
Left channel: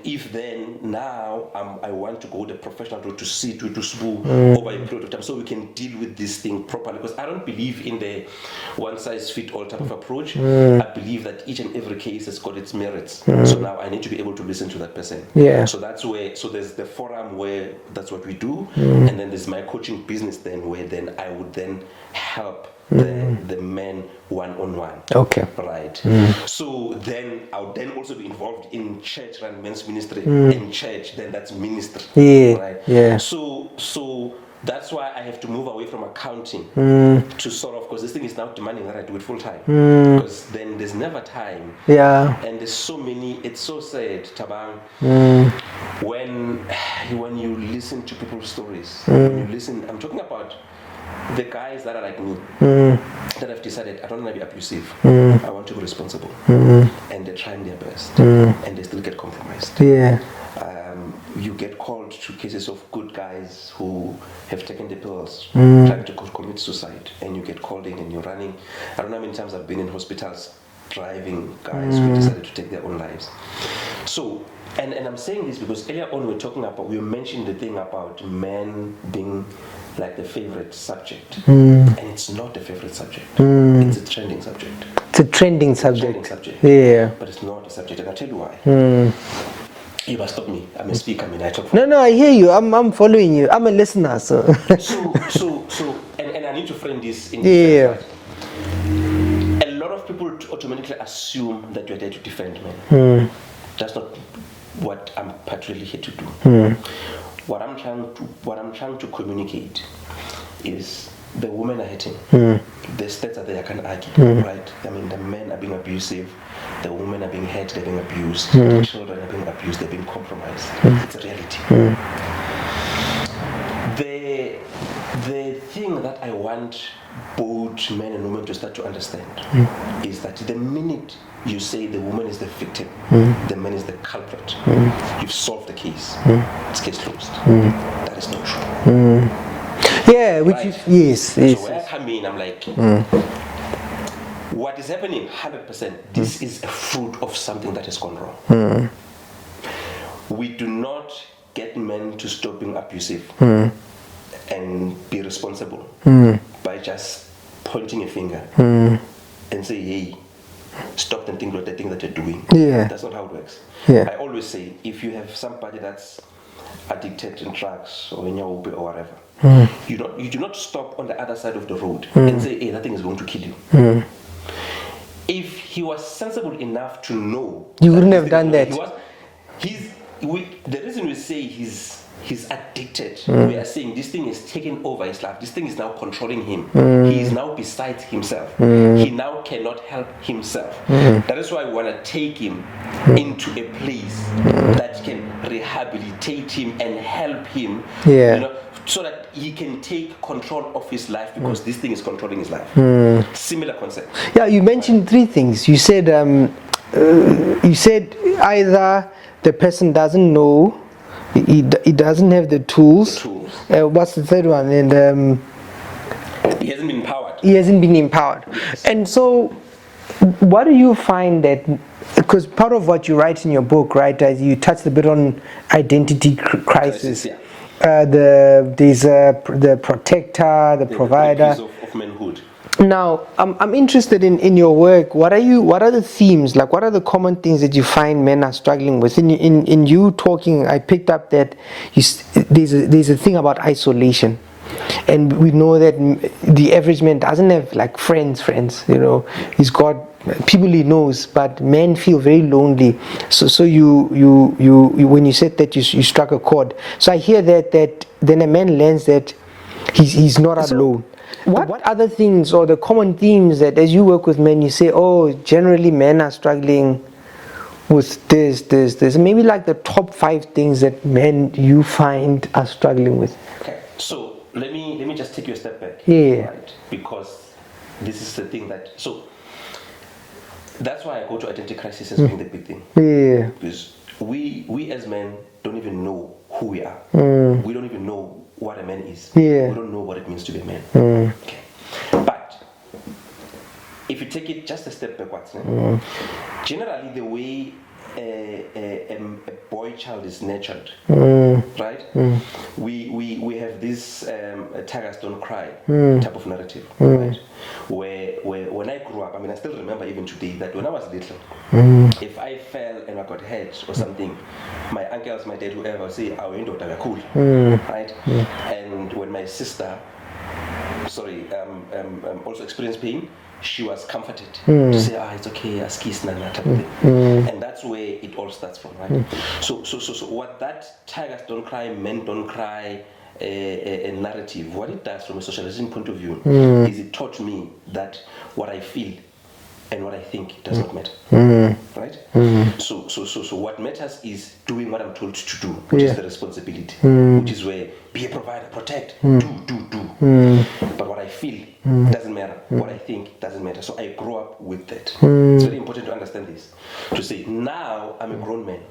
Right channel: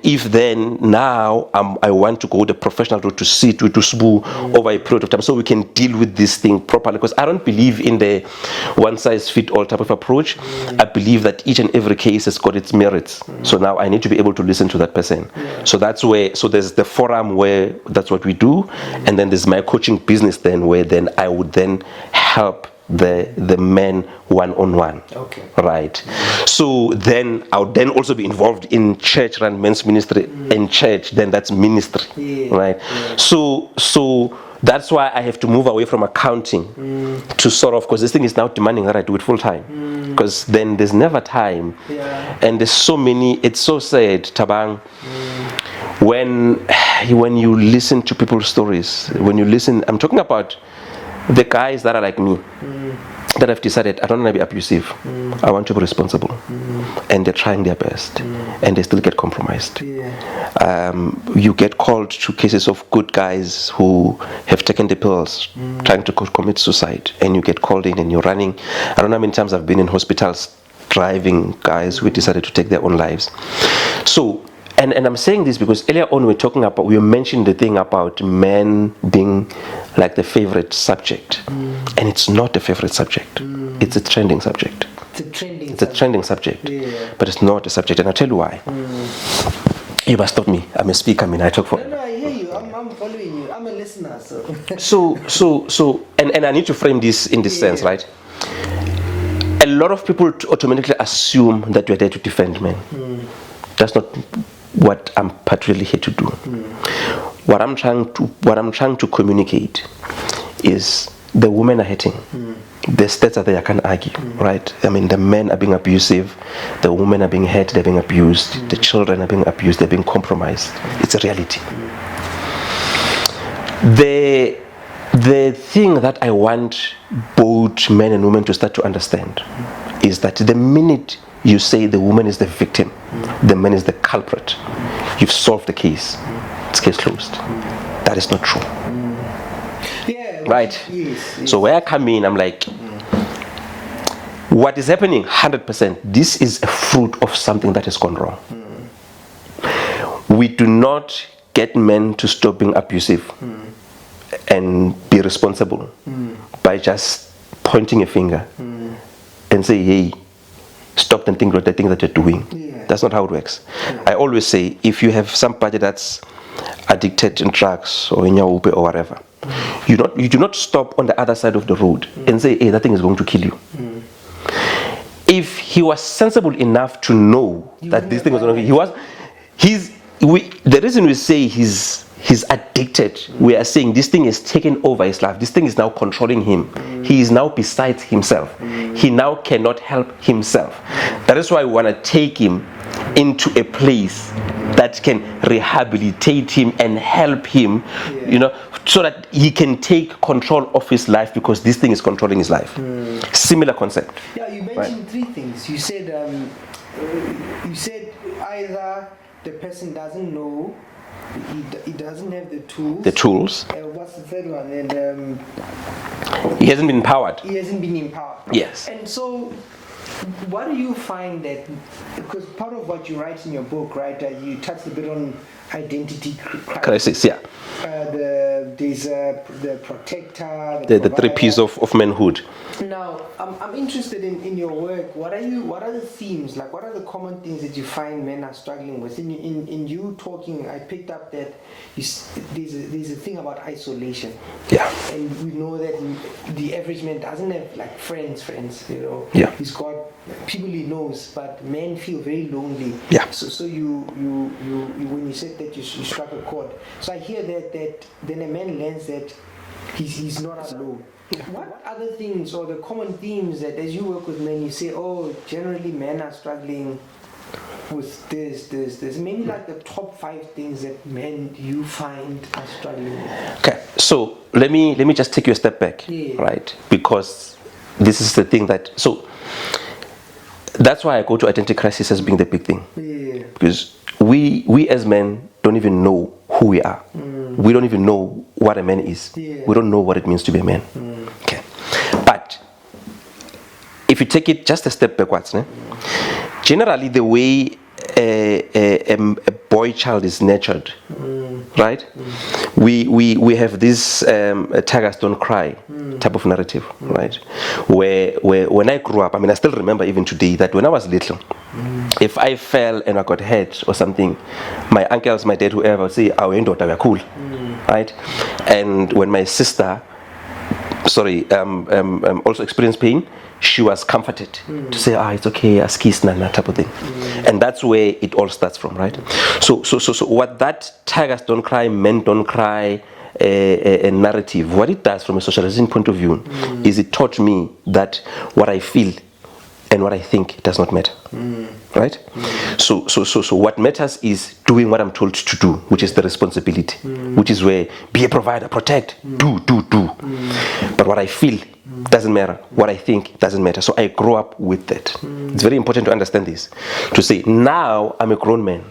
if then now I want to go the professional route to sit with to Sibu over a period of time, so we can deal with this thing properly. Because I don't believe in the one size fit all type of approach. I believe that each and every case has got its merits. So now I need to be able to listen to that person. So that's where, so there's the forum where that's what we do, and then there's my coaching business then where then I would then help the men one-on-one. Okay. Right. So then I would then also be involved in church run men's ministry, and church, then that's ministry. Right. So that's why I have to move away from accounting to sort of, because this thing is now demanding that I do it full time, because then there's never time. And there's so many, it's so sad, Thabang, when you listen to people's stories, when you listen, I'm talking about the guys that are like me, that have decided I don't want to be abusive, I want to be responsible, and they're trying their best, and they still get compromised. You get called to cases of good guys who have taken the pills, trying to commit suicide, and you get called in and you're running. I don't know how many times I've been in hospitals driving guys who decided to take their own lives. So, and I'm saying this because earlier on we mentioned the thing about men being like the favorite subject, and it's not a favorite subject. It's a trending subject. It's a trending subject. But it's not a subject, and I'll tell you why. You must stop me. I'm a speaker. I mean, I talk for. No, I hear you. I'm following you. I'm a listener. So. And I need to frame this in this sense, right? A lot of people automatically assume that you're there to defend men. That's not what I'm particularly here to do. What I'm trying to communicate is the women are hurting. The stats are there, I can't argue, right? I mean, the men are being abusive, the women are being hurt, they're being abused, the children are being abused, they're being compromised. It's a reality. The thing that I want both men and women to start to understand is that the minute you say the woman is the victim, the man is the culprit, you've solved the case. It's case closed. That is not true. Right? Yes. So where I come in, I'm like, what is happening 100%, this is a fruit of something that has gone wrong. We do not get men to stop being abusive and be responsible by just pointing a finger and say, hey, stop and think about the thing that you're doing. That's not how it works. I always say, if you have somebody that's addicted in drugs or in your or whatever, you do not stop on the other side of the road and say, hey, that thing is going to kill you. If he was sensible enough to know that this thing is going to kill, the reason we say he's addicted, we are saying this thing is taking over his life. This thing is now controlling him. He is now besides himself. He now cannot help himself. That is why we want to take him into a place that can rehabilitate him and help him, so that he can take control of his life, because this thing is controlling his life. Similar concept. Yeah, you mentioned three things. You said either the person doesn't know, he doesn't have the tools. What's the third one? And he hasn't been empowered. Yes. And so, what do you find that? Because part of what you write in your book, right? You touched a bit on identity crisis. There's the protector, the provider. The 3 P's of manhood. Now, I'm interested in your work. What are the themes? Like, what are the common things that you find men are struggling with? In you talking, I picked up that there's a thing about isolation. Yeah. And we know that the average man doesn't have like friends, you know. Yeah. He's got people he knows, but men feel very lonely. Yeah. So you when you said that you struck a chord. So I hear that then a man learns that he's not alone. What other things or the common themes that as you work with men you say, oh, generally men are struggling with this, maybe like the top 5 things that men you find are struggling with? Okay, so let me just take you a step back, right? Because this is the thing so that's why I go to identity crisis as being the big thing. Yeah. Because we as men don't even know who we are. We don't even know what a man is. Yeah. We don't know what it means to be a man. Okay, but if you take it just a step backwards, generally the way a boy child is nurtured, right? We have this tigers don't cry type of narrative, right? Where when I grew up, I mean, I still remember even today that when I was little, if I fell and I got hurt or something, my uncles, my dad, whoever would say, "Our daughter, we're cool," right? And when my sister, also experienced pain, she was comforted to say, it's okay, askis nana type of thing. And that's where it all starts from, right? So what that tigers don't cry, men don't cry a narrative, what it does from a socializing point of view is it taught me that what I feel and what I think does not matter, right? So what matters is doing what I'm told to do, which is the responsibility, which is where be a provider, protect, do. But what I feel doesn't matter. What I think doesn't matter. So I grow up with that. It's very important to understand this. To say, now I'm a grown man.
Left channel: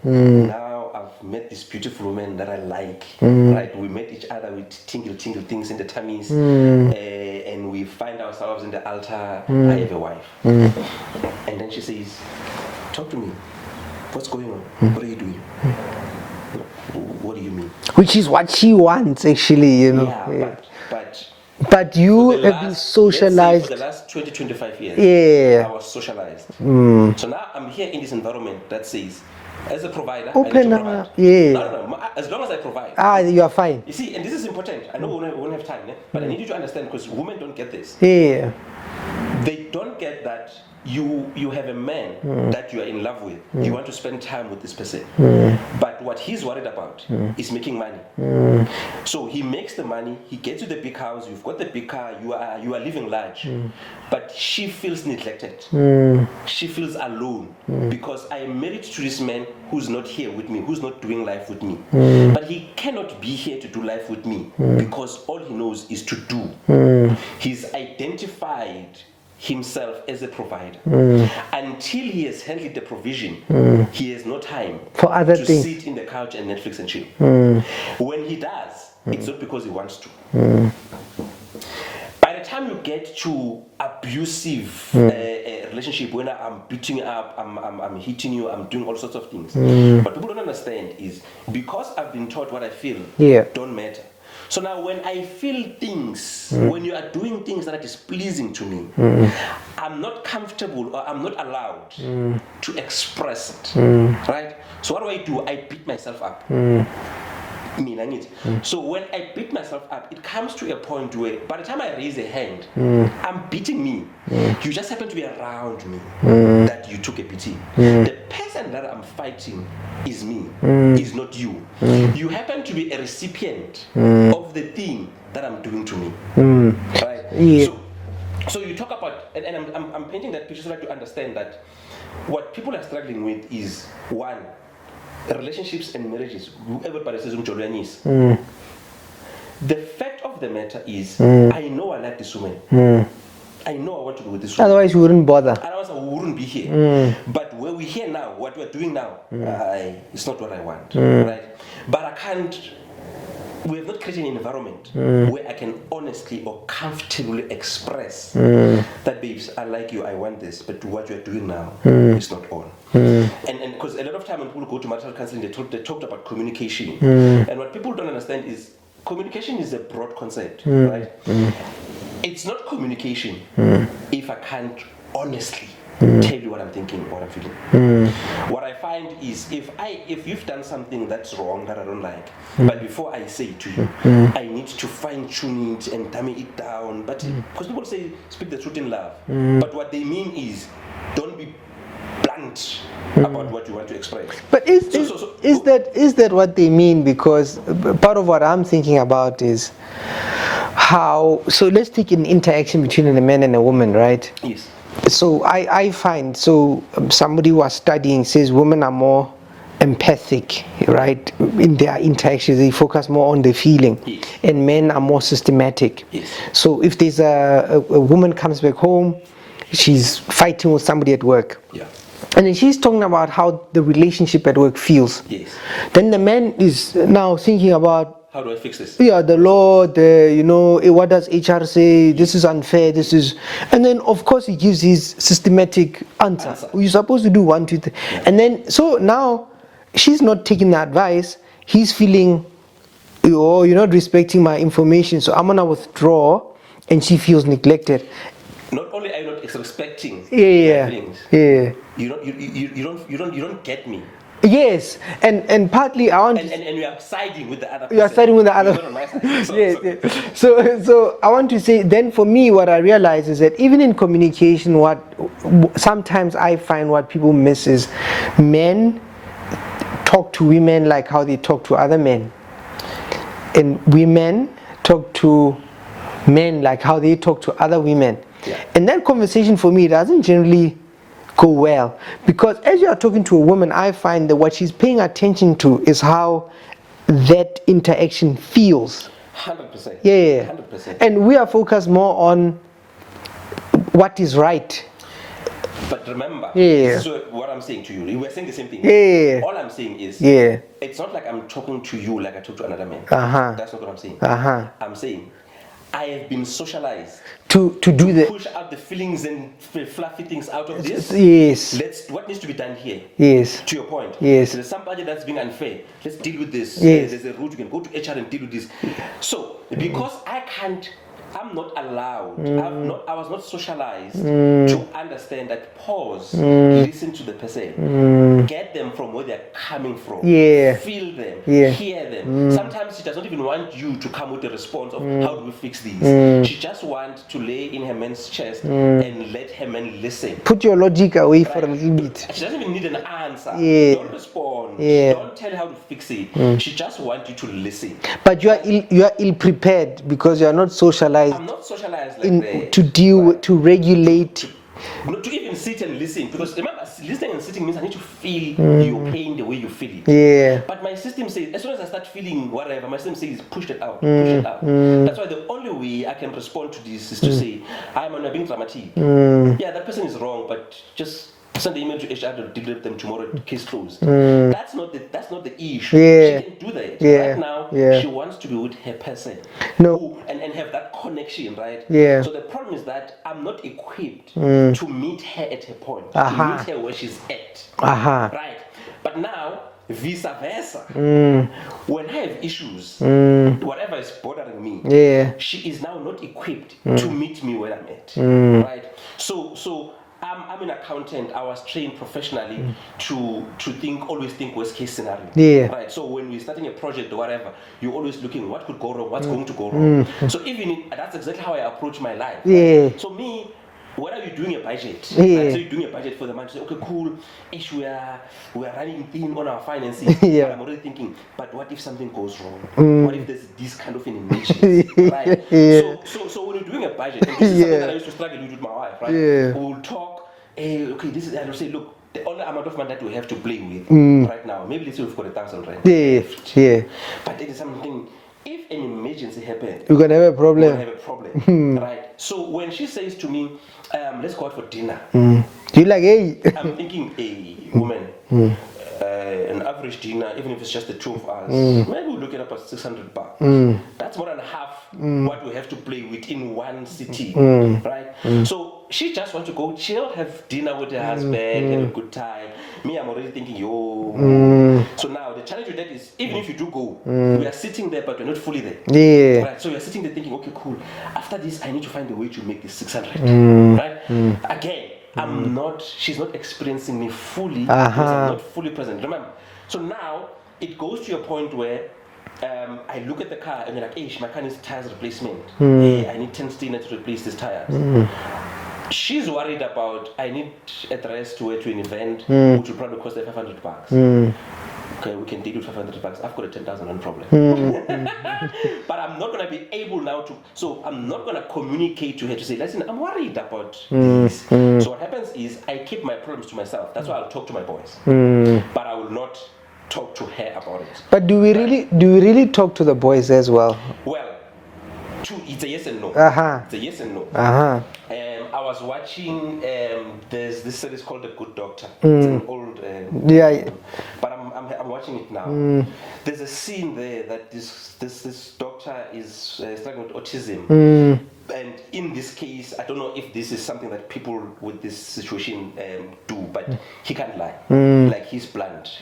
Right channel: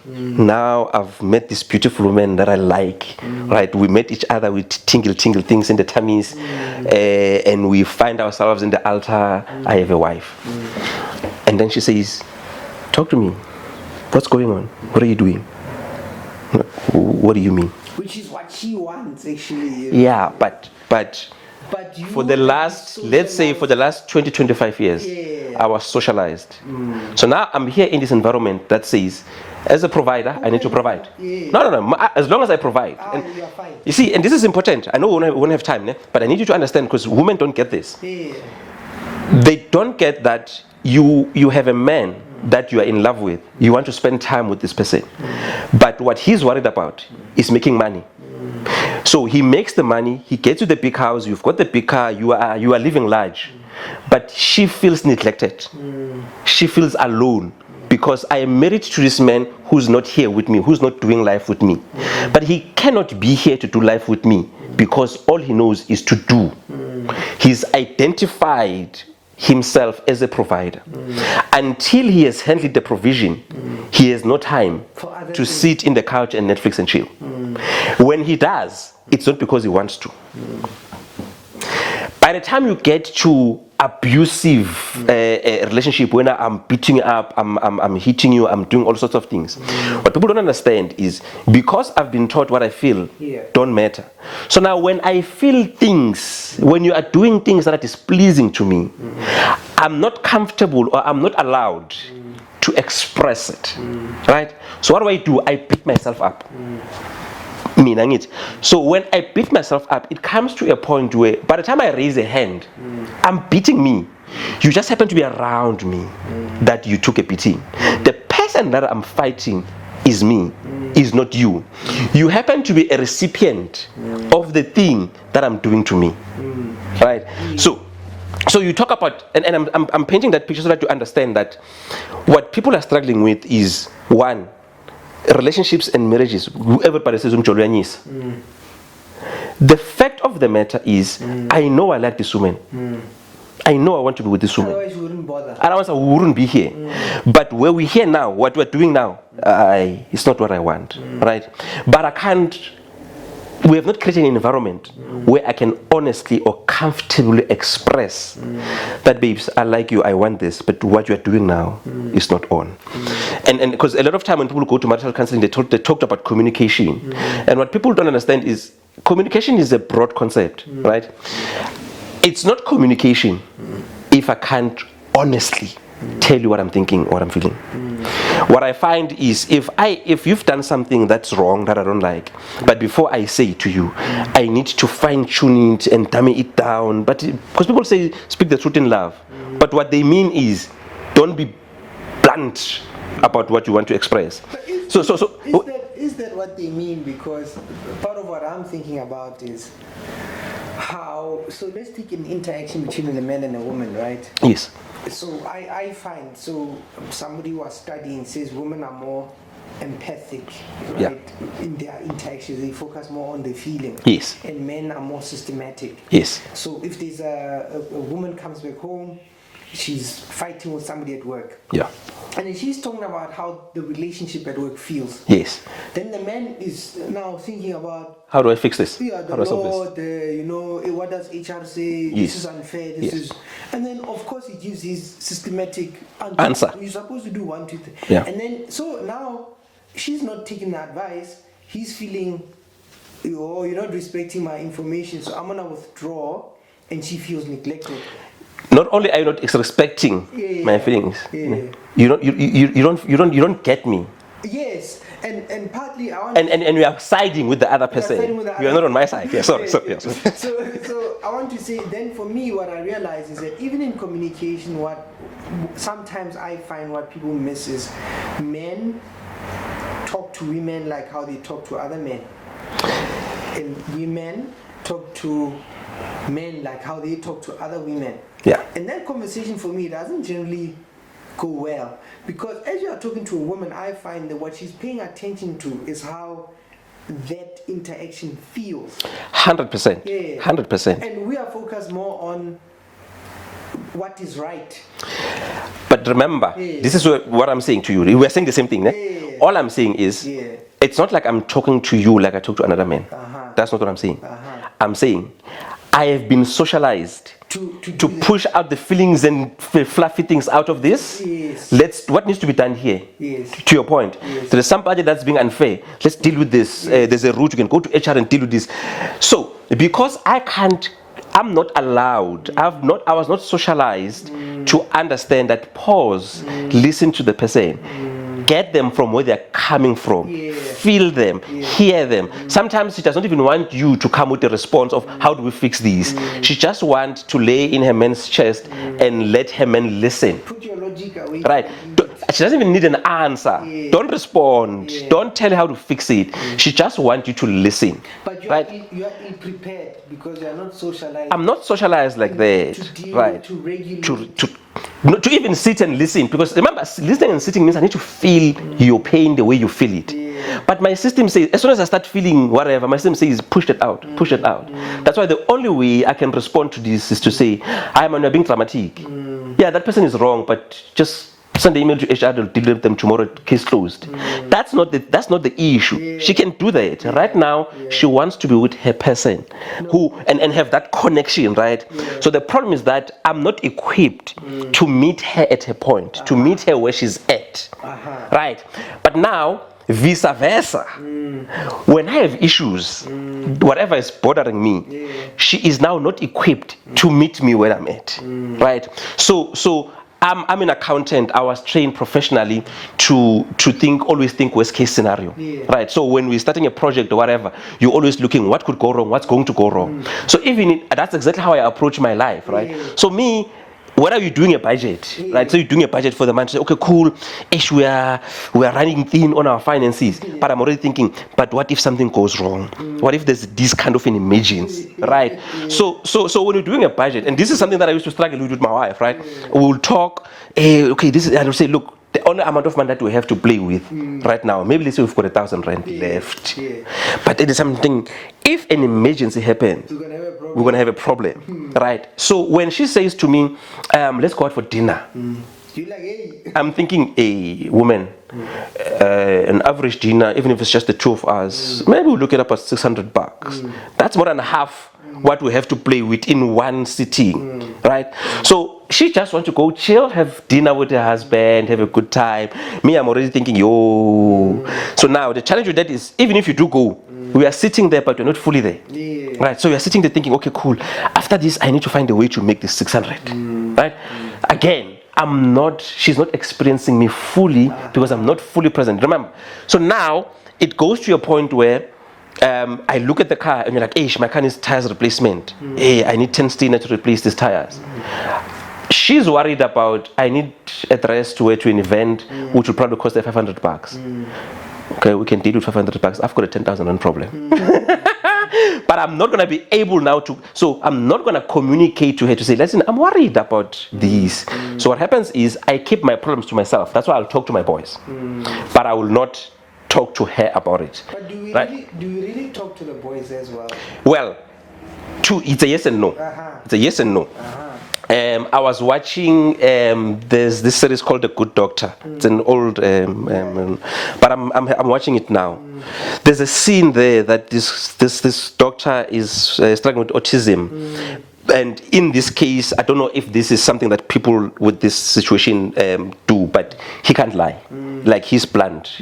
Now I've met this beautiful woman that I like, right? We met each other with tingle things in the tummies, and we find ourselves in the altar. I have a wife. And then she says, talk to me. What's going on? What are you doing? What do you mean? Which is what she wants, actually. You know? Yeah, but you for the last, let's say for the last 20-25 years, I was socialized. So now I'm here in this environment that says, as a provider, I need to provide. No. As long as I provide. You are fine. You see, and this is important. I know we won't have time, but I need you to understand, because women don't get this. Yeah. They don't get that you have a man that you are in love with. You want to spend time with this person. But what he's worried about is making money. So he makes the money, he gets you the big house, you've got the big car, you are living large. But she feels neglected. She feels alone because I am married to this man who's not here with me, who's not doing life with me. But he cannot be here to do life with me because all he knows is to do. He's identified himself as a provider. Until he has handled the provision, he has no time for other to things. sit in the couch and Netflix and chill. When he does, it's not because he wants to. By the time you get to abusive relationship, when I'm beating you up, I'm hitting you, I'm doing all sorts of things. What people don't understand is because I've been taught what I feel don't matter. So now when I feel things, when you are doing things that are displeasing to me, I'm not comfortable or I'm not allowed to express it, right? So what do? I beat myself up. So when I beat myself up, it comes to a point where by the time I raise a hand, I'm beating me. You just happen to be around me that you took a beating. The person that I'm fighting is me, is not you. You happen to be a recipient of the thing that I'm doing to me, right? So you talk about, and I'm painting that picture so that you understand that what people are struggling with is, one, relationships and marriages. Everybody says the fact of the matter is, I know I like this woman. I know I want to be with this woman. Otherwise, you wouldn't bother. Otherwise, I wouldn't be here. But where we're here now, what we're doing now, it's not what I want, right? But I can't. We have not created an environment where I can honestly or comfortably express that, babes, I like you, I want this, but what you are doing now is not on. And because a lot of time when people go to marital counseling, they talked about communication. And what people don't understand is communication is a broad concept, right? It's not communication if I can't honestly tell you what I'm thinking, what I'm feeling. What I find is if you've done something that's wrong that I don't like, but before I say it to you, I need to fine tune it and dummy it down. But because people say speak the truth in love, but what they mean is don't be blunt about what you want to express. But is that what they mean? Because part of what I'm thinking about is how, so let's take an interaction between a man and a woman, right? Yes. So I find, somebody who was studying says women are more empathic, right? In their interactions, they focus more on the feeling. Yes. And men are more systematic. Yes. So if there's a woman comes back home, she's fighting with somebody at work. Yeah. And then she's talking about how the relationship at work feels. Yes. Then the man is now thinking about, how do I fix this? Yeah, the law, what does HR say? Yes. This is unfair, this is... And then, of course, he gives his systematic answer. You're supposed to do 1, 2, 3. Yeah. And then, so now, she's not taking the advice. He's feeling, oh, you're not respecting my information, so I'm going to withdraw. And she feels neglected. Not only are you not respecting my feelings, you don't get me. Yes, and partly I want and we are siding with the other person. You are siding with the other. You're not on my side. Yeah, so I want to say, then for me, what I realize is that even in communication, sometimes I find what people miss is men talk to women like how they talk to other men, and women talk to men like how they talk to other women. Yeah. And that conversation for me doesn't generally go well, because as you are talking to a woman, I find that what she's paying attention to is how that interaction feels. 100%. Yeah. 100%. And we are focused more on what is right. But remember, this is what I'm saying to you. We're saying the same thing. Yeah. All I'm saying is, it's not like I'm talking to you like I talk to another man. That's not what I'm saying. I'm saying I have been socialized to push out the feelings and fluffy things out of this. Yes. What needs to be done here? Yes. To your point. Yes. There's somebody that's being unfair. Let's deal with this. Yes. There's a route you can go to HR and deal with this. So because I'm not allowed, I was not socialized to understand that pause, listen to the person, get them from where they're coming from, feel them, hear them. Sometimes she does not even want you to come with a response of how do we fix these. She just wants to lay in her man's chest and let her man listen. Put your logic away from it. She doesn't even need an answer. Don't respond. Don't tell her how to fix it. She just wants you to listen. But you are ill-prepared because you are not socialized. I'm not socialized like that. To deal with, to regulate. To even sit and listen, because remember, listening and sitting means I need to feel your pain the way you feel it. Yeah. But my system says, as soon as I start feeling whatever, my system says, push it out, push it out. That's why the only way I can respond to this is to say, you're being dramatic. Yeah, that person is wrong, but just send the email to HR, they'll deal with them tomorrow, case closed. That's not the issue. She can do that. Right now, she wants to be with her person who and have that connection, right? So the problem is that I'm not equipped to meet her at her point, to meet her where she's at. Right? But now, vice versa. When I have issues, whatever is bothering me, she is now not equipped to meet me where I'm at. Right? So I'm an accountant. I was trained professionally to always think worst case scenario. Right. So when we're starting a project or whatever, you're always looking what could go wrong, what's going to go wrong. So that's exactly how I approach my life. Right. So me, what are you doing a budget? Right. So you're doing a budget for the month. Say, okay, cool. We are running thin on our finances. But I'm already thinking, but what if something goes wrong? What if there's this kind of an emergency? Right. So when you're doing a budget, and this is something that I used to struggle with my wife, right? We'll talk, okay, I will say, look, the only amount of money that we have to play with right now, maybe let's say we've got 1,000 rand left. But it is something, if an emergency happens, you're gonna have a problem. We're gonna have a problem. Right? So when she says to me, let's go out for dinner, you're like, hey. I'm thinking, a woman, an average dinner, even if it's just the two of us, maybe we'll look it up at $600. That's more than half what we have to play with in one city, right? So she just wants to go chill, have dinner with her husband, have a good time. Me, I'm already thinking, yo. So now the challenge with that is, even if you do go, we are sitting there, but we're not fully there. Right? So you're sitting there thinking, okay, cool. After this, I need to find a way to make this 600. Right? Again, she's not experiencing me fully because I'm not fully present. Remember? So now it goes to a point where I look at the car and you're like, hey, my car needs tires replacement. Hey, I need 10 stainer to replace these tires. She's worried about, I need a dress to wear to an event, which will probably cost her $500. Okay, we can deal with $500. I've got a 10,000 rand problem. But I'm not going to be able now to, so I'm not going to communicate to her to say, listen, I'm worried about these. So what happens is I keep my problems to myself. That's why I'll talk to my boys. But I will not talk to her about it. But do we really talk to the boys as well? Well, it's a yes and no. It's a yes and no. I was watching there's this series called The Good Doctor. It's an old but I'm watching it now. There's a scene there that this doctor is struggling with autism. And in this case, I don't know if this is something that people with this situation do, but he can't lie. Like, he's blunt.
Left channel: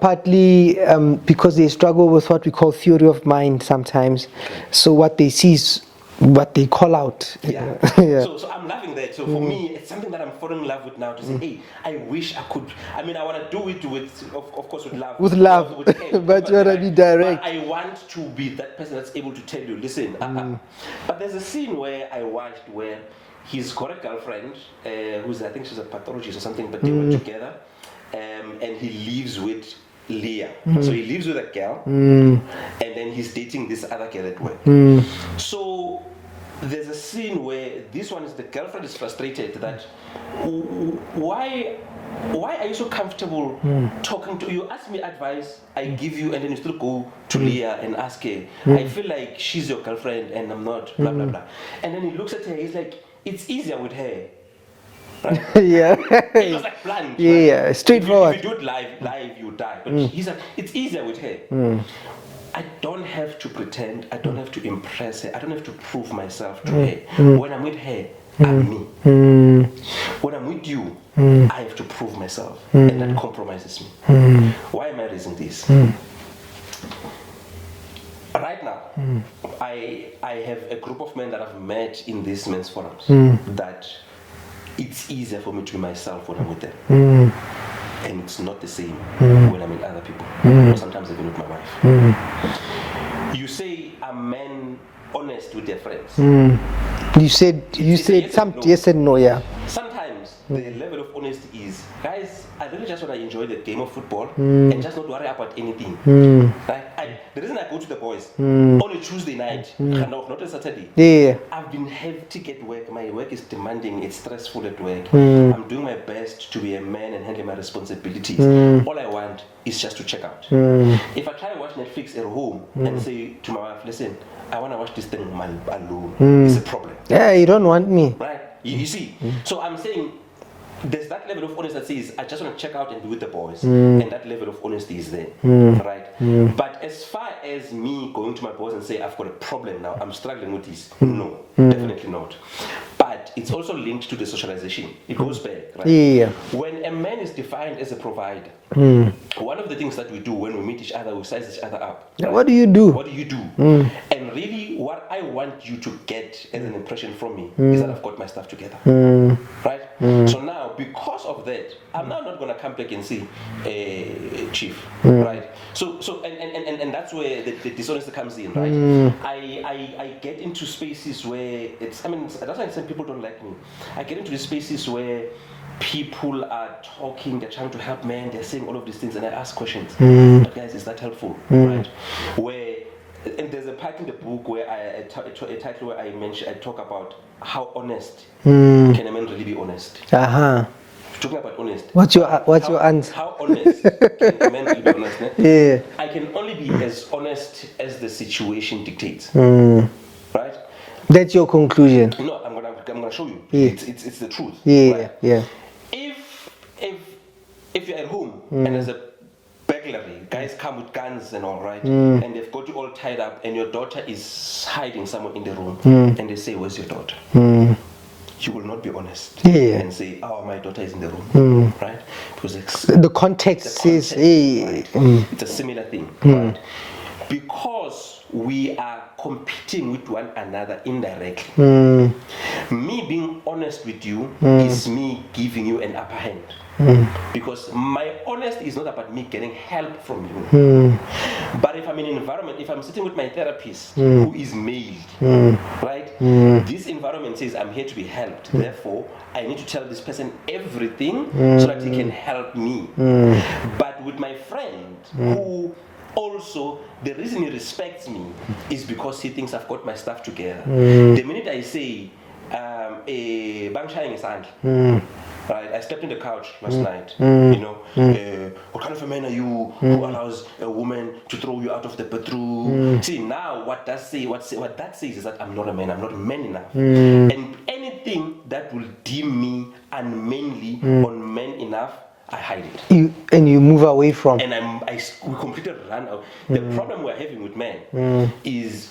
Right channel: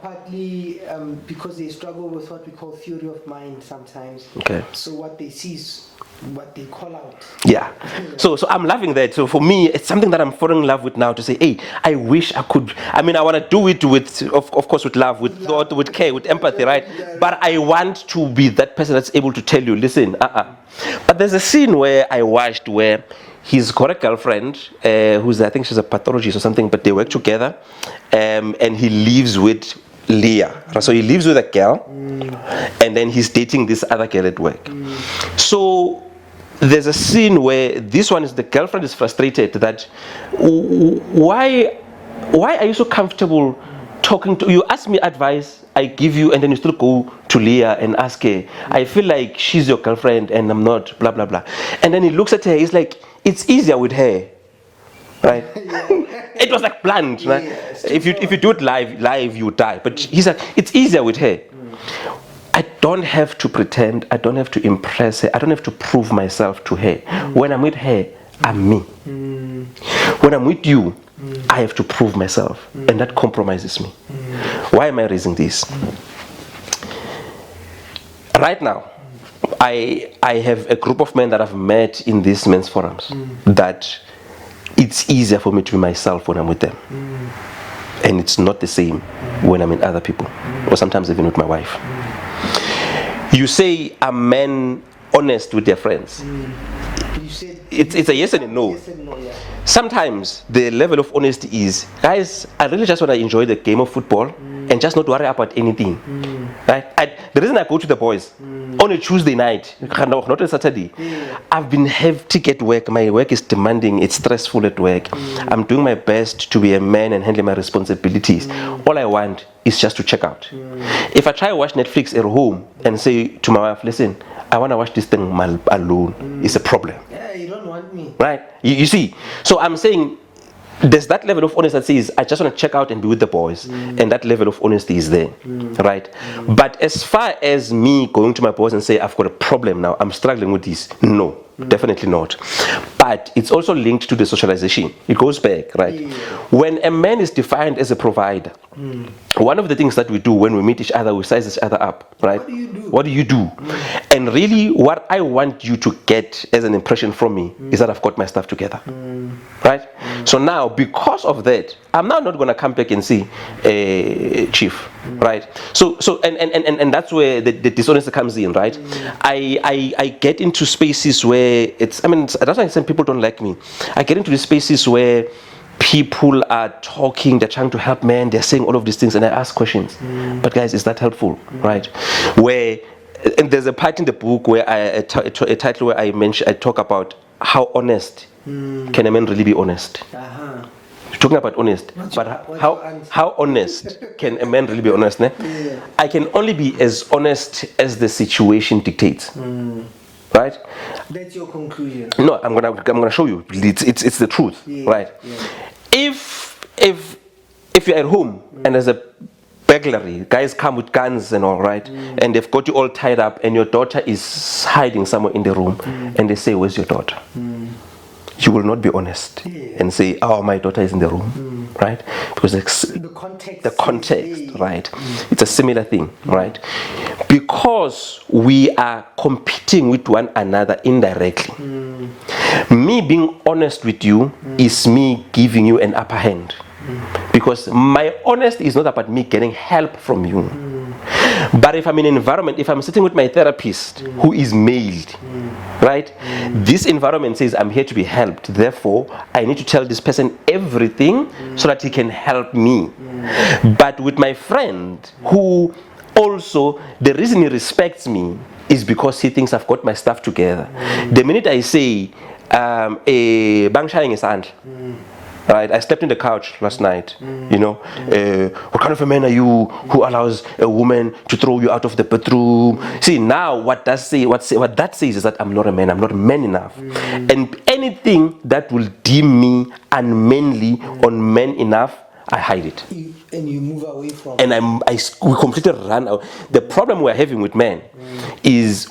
Partly because they struggle with what we call theory of mind sometimes. Okay. So what they see is what they call out. Yeah. So I'm loving that. So for me, it's something that I'm falling in love with now, to say, hey, I wish I could. I mean, I want to do it with, of course, with love, with thought, with care, with empathy, right? But I want to be that person that's able to tell you, listen, But there's a scene where I watched where he's got a girlfriend who's, I think she's a pathologist or something, but they work together, and he lives with Leah. So he lives with a girl, and then he's dating this other girl at work. So there's a scene where the girlfriend is frustrated that why are you so comfortable talking to, you ask me advice, I give you, and then you still go to Leah and ask her, I feel like she's your girlfriend and I'm not, blah, blah, blah. And then he looks at her, he's like, it's easier with her. Right? It was like blunt. Right? If you do it live, you die. But he said, it's easier with her. I don't have to pretend. I don't have to impress her. I don't have to prove myself to her. When I'm with her, I'm me. When I'm with you, I have to prove myself. And that compromises me. Why am I raising this? Right now, I have a group of men that I've met in these men's forums that it's easier for me to be myself when I'm with them. And it's not the same when I'm in other people, or sometimes even with my wife. You say, are men honest with their friends? You said it's a yes and no. Yes and no, yeah. Sometimes the level of honesty is, guys, I really just want to enjoy the game of football and just not worry about anything. Right? The reason I go to the boys on a Tuesday night, not a Saturday, I've been hectic at work. My work is demanding. It's stressful at work. I'm doing my best to be a man and handle my responsibilities. All I want is just to check out. If I try to watch Netflix at home and say to my wife, listen, I want to watch this thing alone, it's a problem. Yeah, you don't want me. Right? You see? So I'm saying there's that level of honesty that says, I just want to check out and be with the boys. And that level of honesty is there. Right? But as far as me going to my boys and say, I've got a problem now, I'm struggling with this, no. Definitely not. But it's also linked to the socialization. It goes back, right? When a man is defined as a provider, one of the things that we do when we meet each other, we size each other up, right? What do you do? What do you do? And really, what I want you to get as an impression from me is that I've got my stuff together, right? So now, because of that, I'm now not going to come back and say, Chief, right? So and that's where the dishonesty comes in, right? I get into spaces where that's why some people don't like me. I get into the spaces where people are talking, they're trying to help men, they're saying all of these things, and I ask questions. But guys, is that helpful, right? And there's a part in the book where a title where I talk about how honest can a man really be honest. Talking about honest. What's your answer? How honest can a man really be honest? I can only be as honest as the situation dictates. Right? That's your conclusion. No, I'm gonna show you. It's the truth. Right? If you're at home and there's a burglary, guys come with guns and all, right, and they've got you all tied up, and your daughter is hiding somewhere in the room, and they say, "Where's your daughter?" You will not be honest and say, "Oh, my daughter is in the room," right? Because the context, right? It's a similar thing, right? Because we are competing with one another indirectly. Me me being honest with you is me giving you an upper hand. Because my honesty is not about me getting help from you. But if I'm in an environment, if I'm sitting with my therapist who is male, right? This environment says I'm here to be helped. Therefore, I need to tell this person everything so that he can help me. But with my friend who also, the reason he respects me is because he thinks I've got my stuff together. The minute I say, bang shaying is right, I slept in the couch last night. You know, what kind of a man are you who allows a woman to throw you out of the bedroom? See, now what that says is that I'm not a man. I'm not man enough. And anything that will deem me unmanly, unman enough, I hide it. You move away from. And we completely run out. The problem we're having with men is.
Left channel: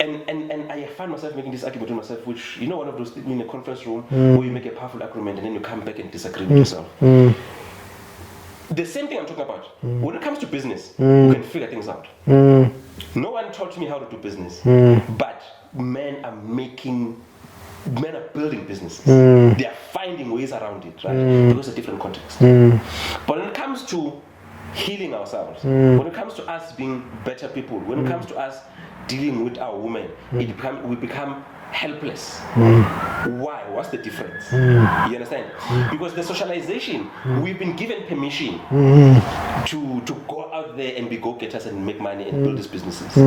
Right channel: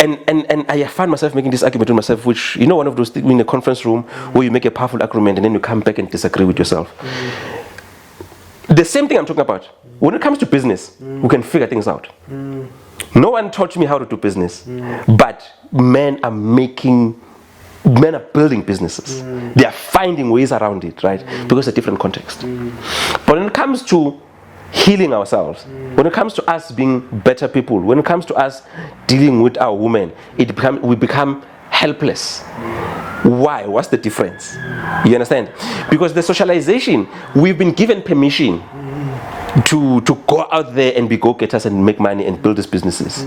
And I find myself making this argument with myself, which, you know, one of those things in a conference room where you make a powerful argument and then you come back and disagree with yourself. The same thing I'm talking about. When it comes to business, we can figure things out. No one taught me how to do business, but men are building businesses. They are finding ways around it, right? Because it's a different context. But when it comes to healing ourselves, when it comes to us being better people, when it comes to us dealing with our women, we become helpless. Why? What's the difference? You understand? Because the socialization, we've been given permission to go out there and be go-getters and make money and build these businesses.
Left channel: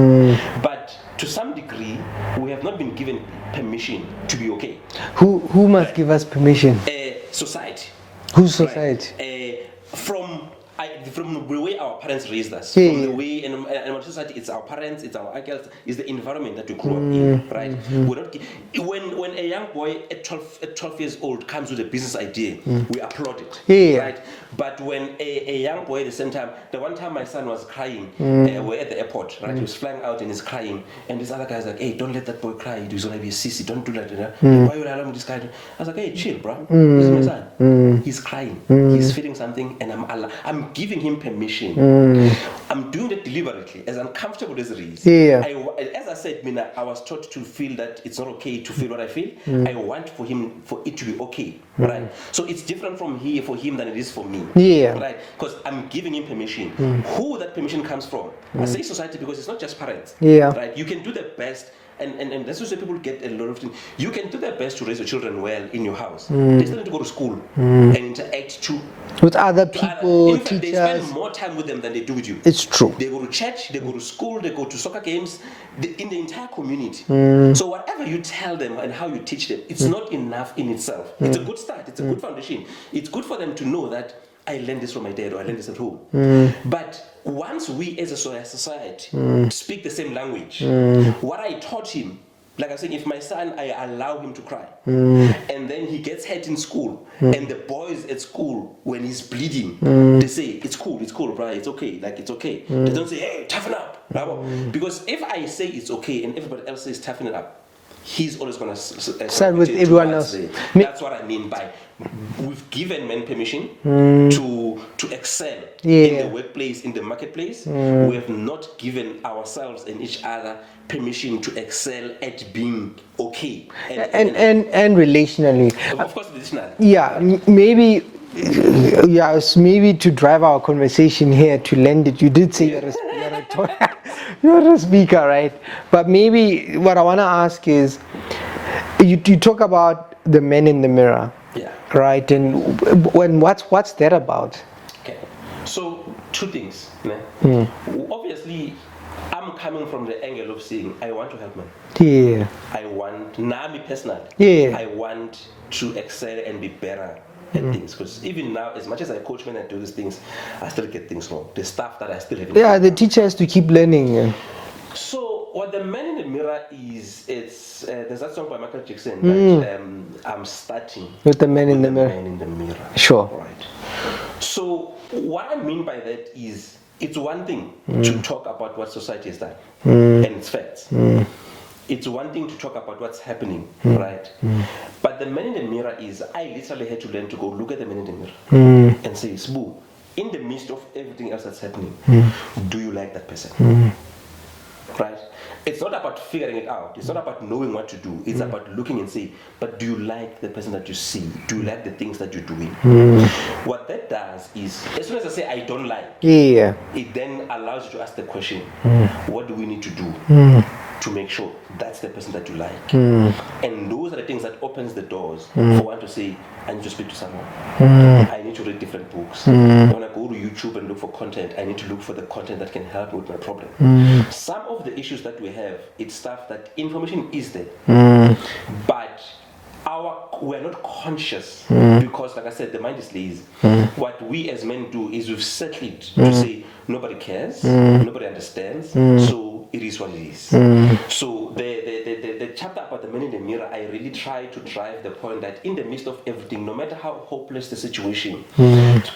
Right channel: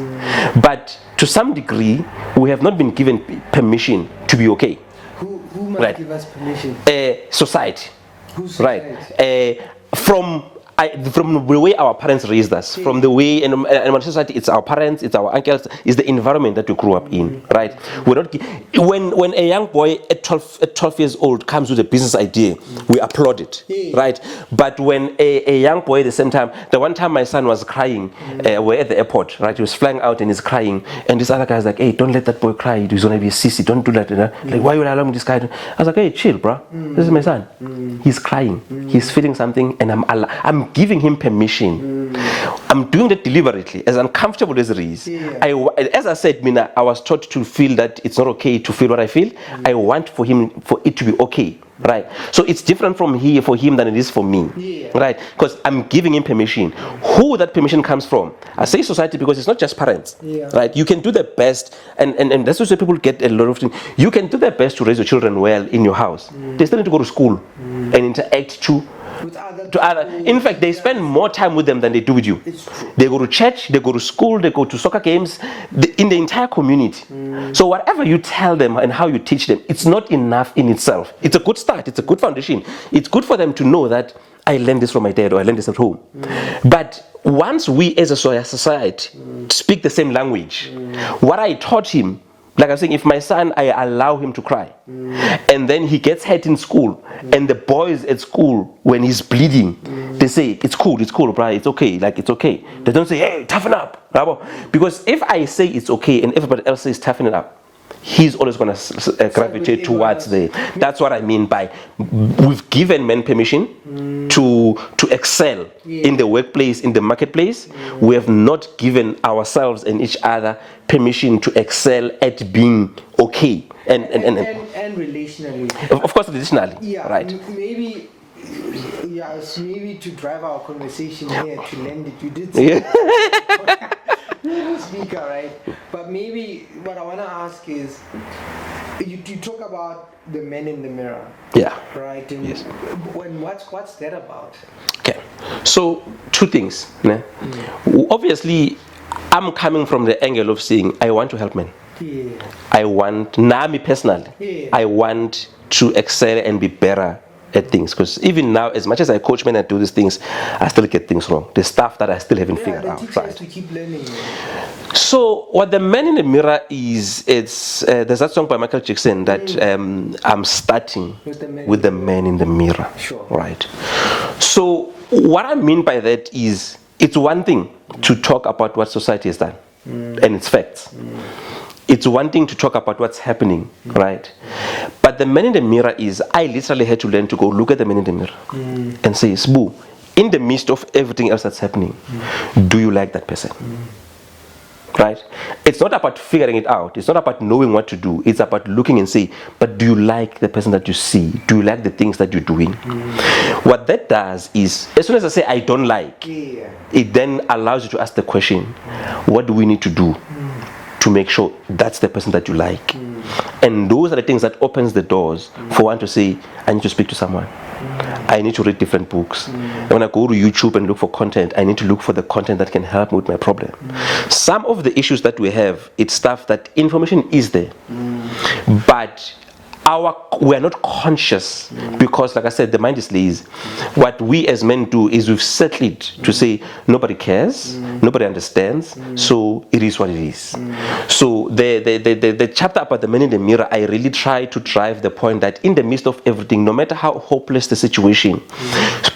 But to some degree, we have not been given permission to be okay. Who must give us permission? Society. Who's society? Right. From the way our parents raised us, from the way in our society, it's our parents, it's our uncles, it's the environment that we grew up in, right? We're not, when a young boy at 12 years old comes with a business idea, we applaud it, right? But when a young boy at the same time, the one time my son was crying, we're at the airport, right? He was flying out and he's crying, and this other guy's like, hey, don't let that boy cry, he's gonna be a sissy, don't do that. Like, why would I allow this guy to? I was like, hey, chill, bro. This is my son. He's crying, he's feeling something, and I'm giving him permission. I'm doing it deliberately, as uncomfortable as it is. As I said, Mina, I was taught to feel that it's not okay to feel what I feel. I want for it to be okay. Right, so it's different for him than it is for me. Right, because I'm giving him permission. Who that permission comes from? I say society because it's not just parents. Right, you can do the best, and that's why people get a lot of things. You can do the best to raise your children well in your house. They still need to go to school and interact with other people. In fact, they spend more time with them than they do with you. It's true. They go to church, they go to school, they go to soccer games, in the entire community. So whatever you tell them and how you teach them, it's not enough in itself. It's a good start, it's a good foundation. It's good for them to know that I learned this from my dad or I learned this at home. But once we as a society speak the same language, what I taught him, like I'm saying, if my son, I allow him to cry, and then he gets hurt in school, and the boys at school, when he's bleeding, they say, it's cool, bro, it's okay, like it's okay. They don't say, hey, toughen up, because if I say it's okay and everybody else says toughen it up, he's always going to gravitate towards it. That's what I mean by we've given men permission to excel in the workplace, in the marketplace. We have not given ourselves and each other permission to excel at being okay. And relationally. Of course, relationally. Yeah, right. Maybe to drive our conversation here, to lend it, you did say this. You're the speaker, right? But maybe what I want to ask is, you talk about the men in the mirror, right? And what's that about? Okay, so two things. Obviously, I'm coming from the angle of saying I want to help men. I want, me personally, I want to excel and be better at things, because even now, as much as I coach men and do these things, I still get things wrong. The stuff that I still haven't figured out. The teacher has to keep learning. So what the man in the mirror is, there's that song by Michael Jackson that I'm starting with the man in the mirror. Sure. Right. So what I mean by that is, it's one thing to talk about what society has done and its facts. It's one thing to talk about what's happening, right? But the man in the mirror is, I literally had to learn to go look at the man in the mirror and say, Sbu, in the midst of everything else that's happening, do you like that person? Right? It's not about figuring it out. It's not about knowing what to do. It's about looking and say, but do you like the person that you see? Do you like the things that you're doing? What that does is, as soon as I say I don't like, it then allows you to ask the question, what do we need to do to make sure that's the person that you like? And those are the things that opens the doors for one to say, I need to speak to someone. I need to read different books. And when I go to YouTube and look for content, I need to look for the content that can help me with my problem. Some of the issues that we have, it's stuff that information is there, but we are not conscious because, like I said, the mind is lazy. What we as men do is we've settled to say nobody cares, nobody understands, so it is what it is. So the chapter about the man in the mirror, I really try to drive the point that in the midst of everything, no matter how hopeless the situation,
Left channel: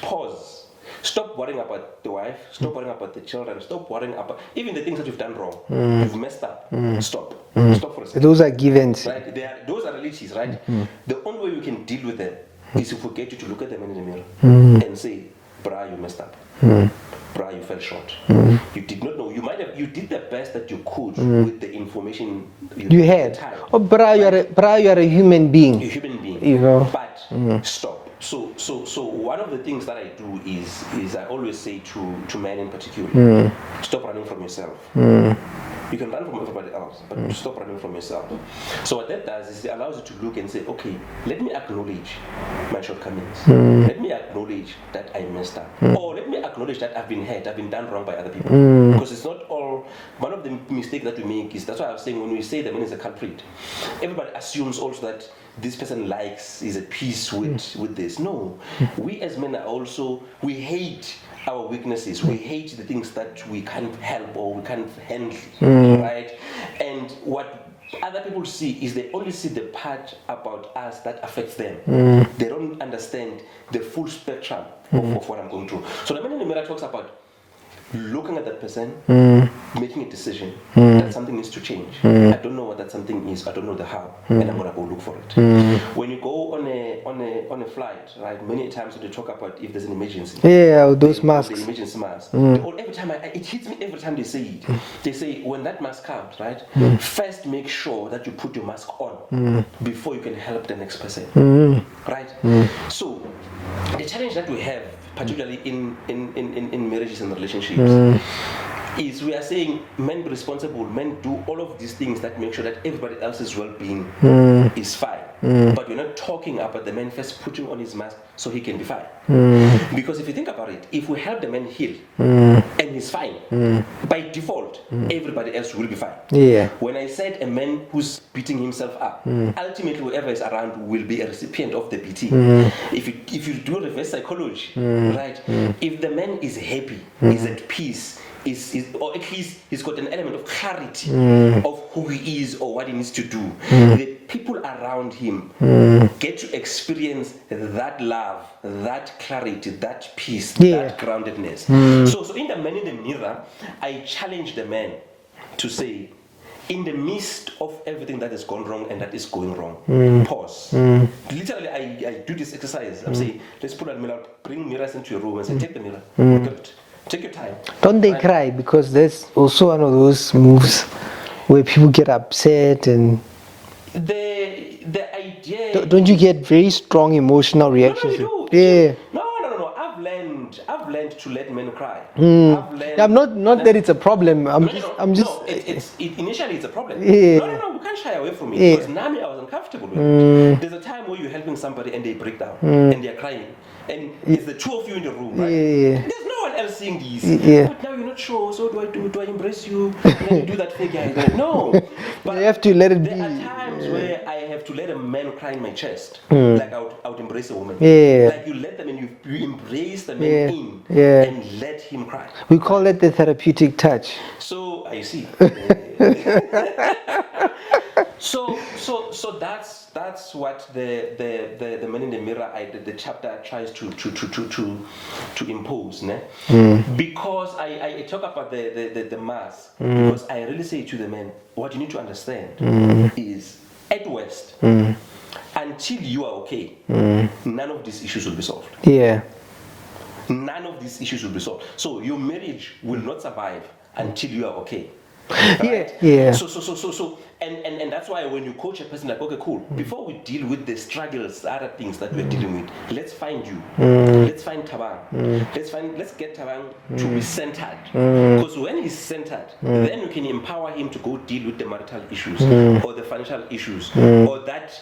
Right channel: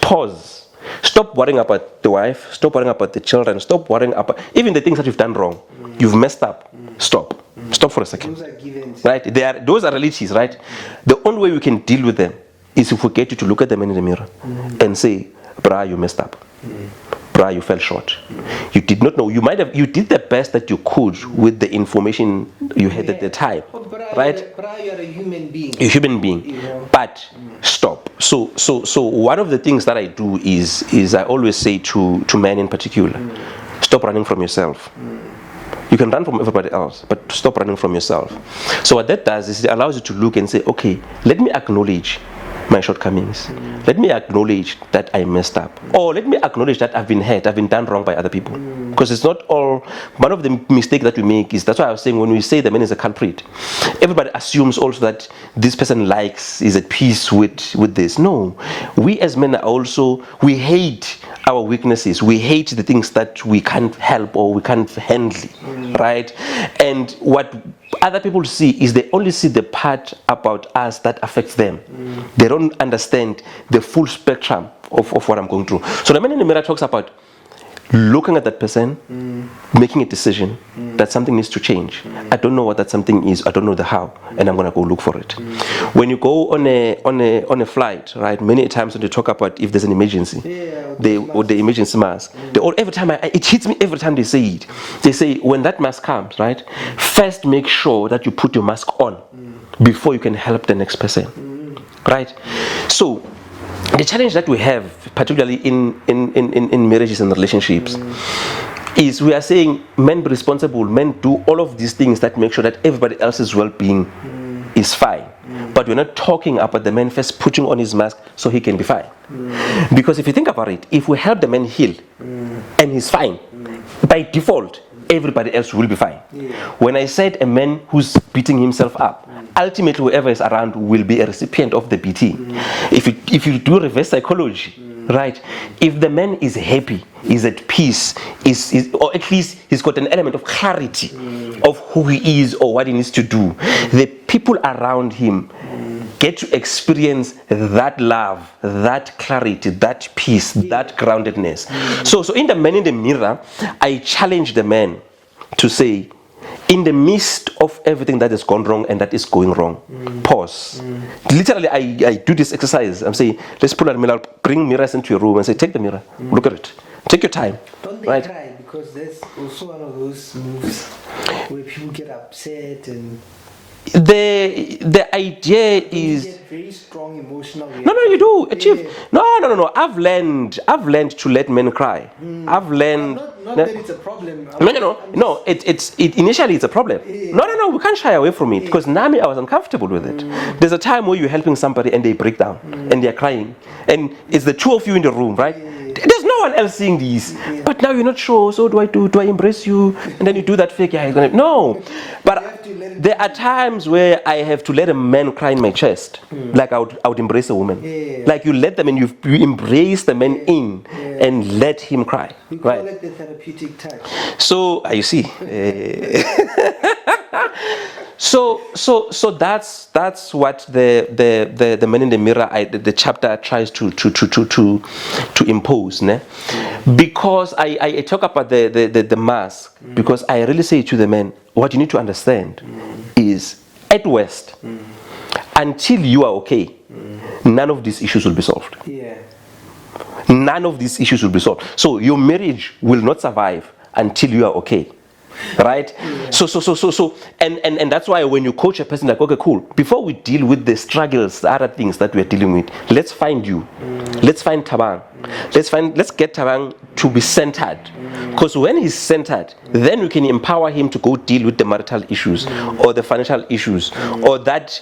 pause. Stop worrying about the wife, stop worrying about the children, stop worrying about even the things that you've done wrong. You've messed up. Stop. Stop for a second. Those are givens. Right? Those are realities, right? The only way we can deal with them is if we get you to look at them in the mirror and say, brah, you messed up. Brah, you fell short. You did not know. You did the best that you could with the information you had at the time. Oh, brah, right? you are a human being. A human being. You know? But stop. So one of the things that I do is I always say to men in particular, stop running from yourself. You can run from everybody else, but stop running from yourself. So what that does is it allows you to look and say, okay, let me acknowledge my shortcomings. Let me acknowledge that I messed up. Or let me acknowledge that I've been hurt, I've been done wrong by other people. Because it's not all, one of the mistakes that we make is, that's why I was saying when we say the man is a culprit, everybody assumes also that this person is at peace with this. No, we as men are also, we hate our weaknesses. We hate the things that we can't help or we can't handle, right? And what other people see is they only see the part about us that affects them. They don't understand the full spectrum of what I'm going through. So the man in the mirror talks about looking at that person, making a decision that something needs to change. I don't know what that something is. I don't know the how, and I'm gonna go look for it. When you go on a flight, right? Many times when they talk about if there's an emergency, or the emergency mask. Every time it hits me every time they say it. They say when that mask comes, right? First, make sure that you put your mask on before you can help the next person, right? So the challenge that we have, particularly in marriages and relationships, is we are saying men be responsible, men do all of these things that make sure that everybody else's well-being is fine. But we're not talking about the man first putting on his mask so he can be fine. Because if you think about it, if we help the man heal and he's fine, by default, everybody else will be fine. When I said a man who's beating himself up, ultimately whoever is around will be a recipient of the beating. If you do reverse psychology, right? If the man is happy, is at peace, or at least he's got an element of clarity of who he is or what he needs to do, the people around him get to experience that love, that clarity, that peace, that groundedness. So in the man in the mirror, I challenge the man to say, in the midst of everything that has gone wrong and that is going wrong, pause. Literally, I do this exercise. I'm saying, let's pull out a mirror, bring mirrors into your room and say, take the mirror, look at it. Take your time. Don't they cry? Because that's also one of those moves where people get upset and the idea don't you get very strong emotional reactions? No, you do. No. I've learned to let men cry. I've learned. Not that it's a problem. Initially it's a problem. No, we can't shy away from it because Nami, I was uncomfortable with it. There's a time where you're helping somebody and they break down and they're crying, and it's the two of you in the room, right? There's no one else seeing these. But now you're not sure. So do I embrace you? And then you do that fake guy. No, but you have to let it. There are times where I have to let a man cry in my chest, like I would embrace a woman. Like you let them and you embrace the man in and let him cry. We call it the therapeutic touch. So you see. So that's what the man in the mirror, the chapter tries to impose, ne? Because I talk about the mask, because I really say to the men, what you need to understand is, at worst, until you are okay, none of these issues will be solved. None of these issues will be solved. So your marriage will not survive until you are okay. right? Yeah. So, and that's why when you coach a person, like, okay, cool. Before we deal with the struggles, the other things that we're dealing with, let's find you. Let's find Thabang. Let's get Thabang to be centered. Because when he's centered, then we can empower him to go deal with the marital issues or the financial issues or that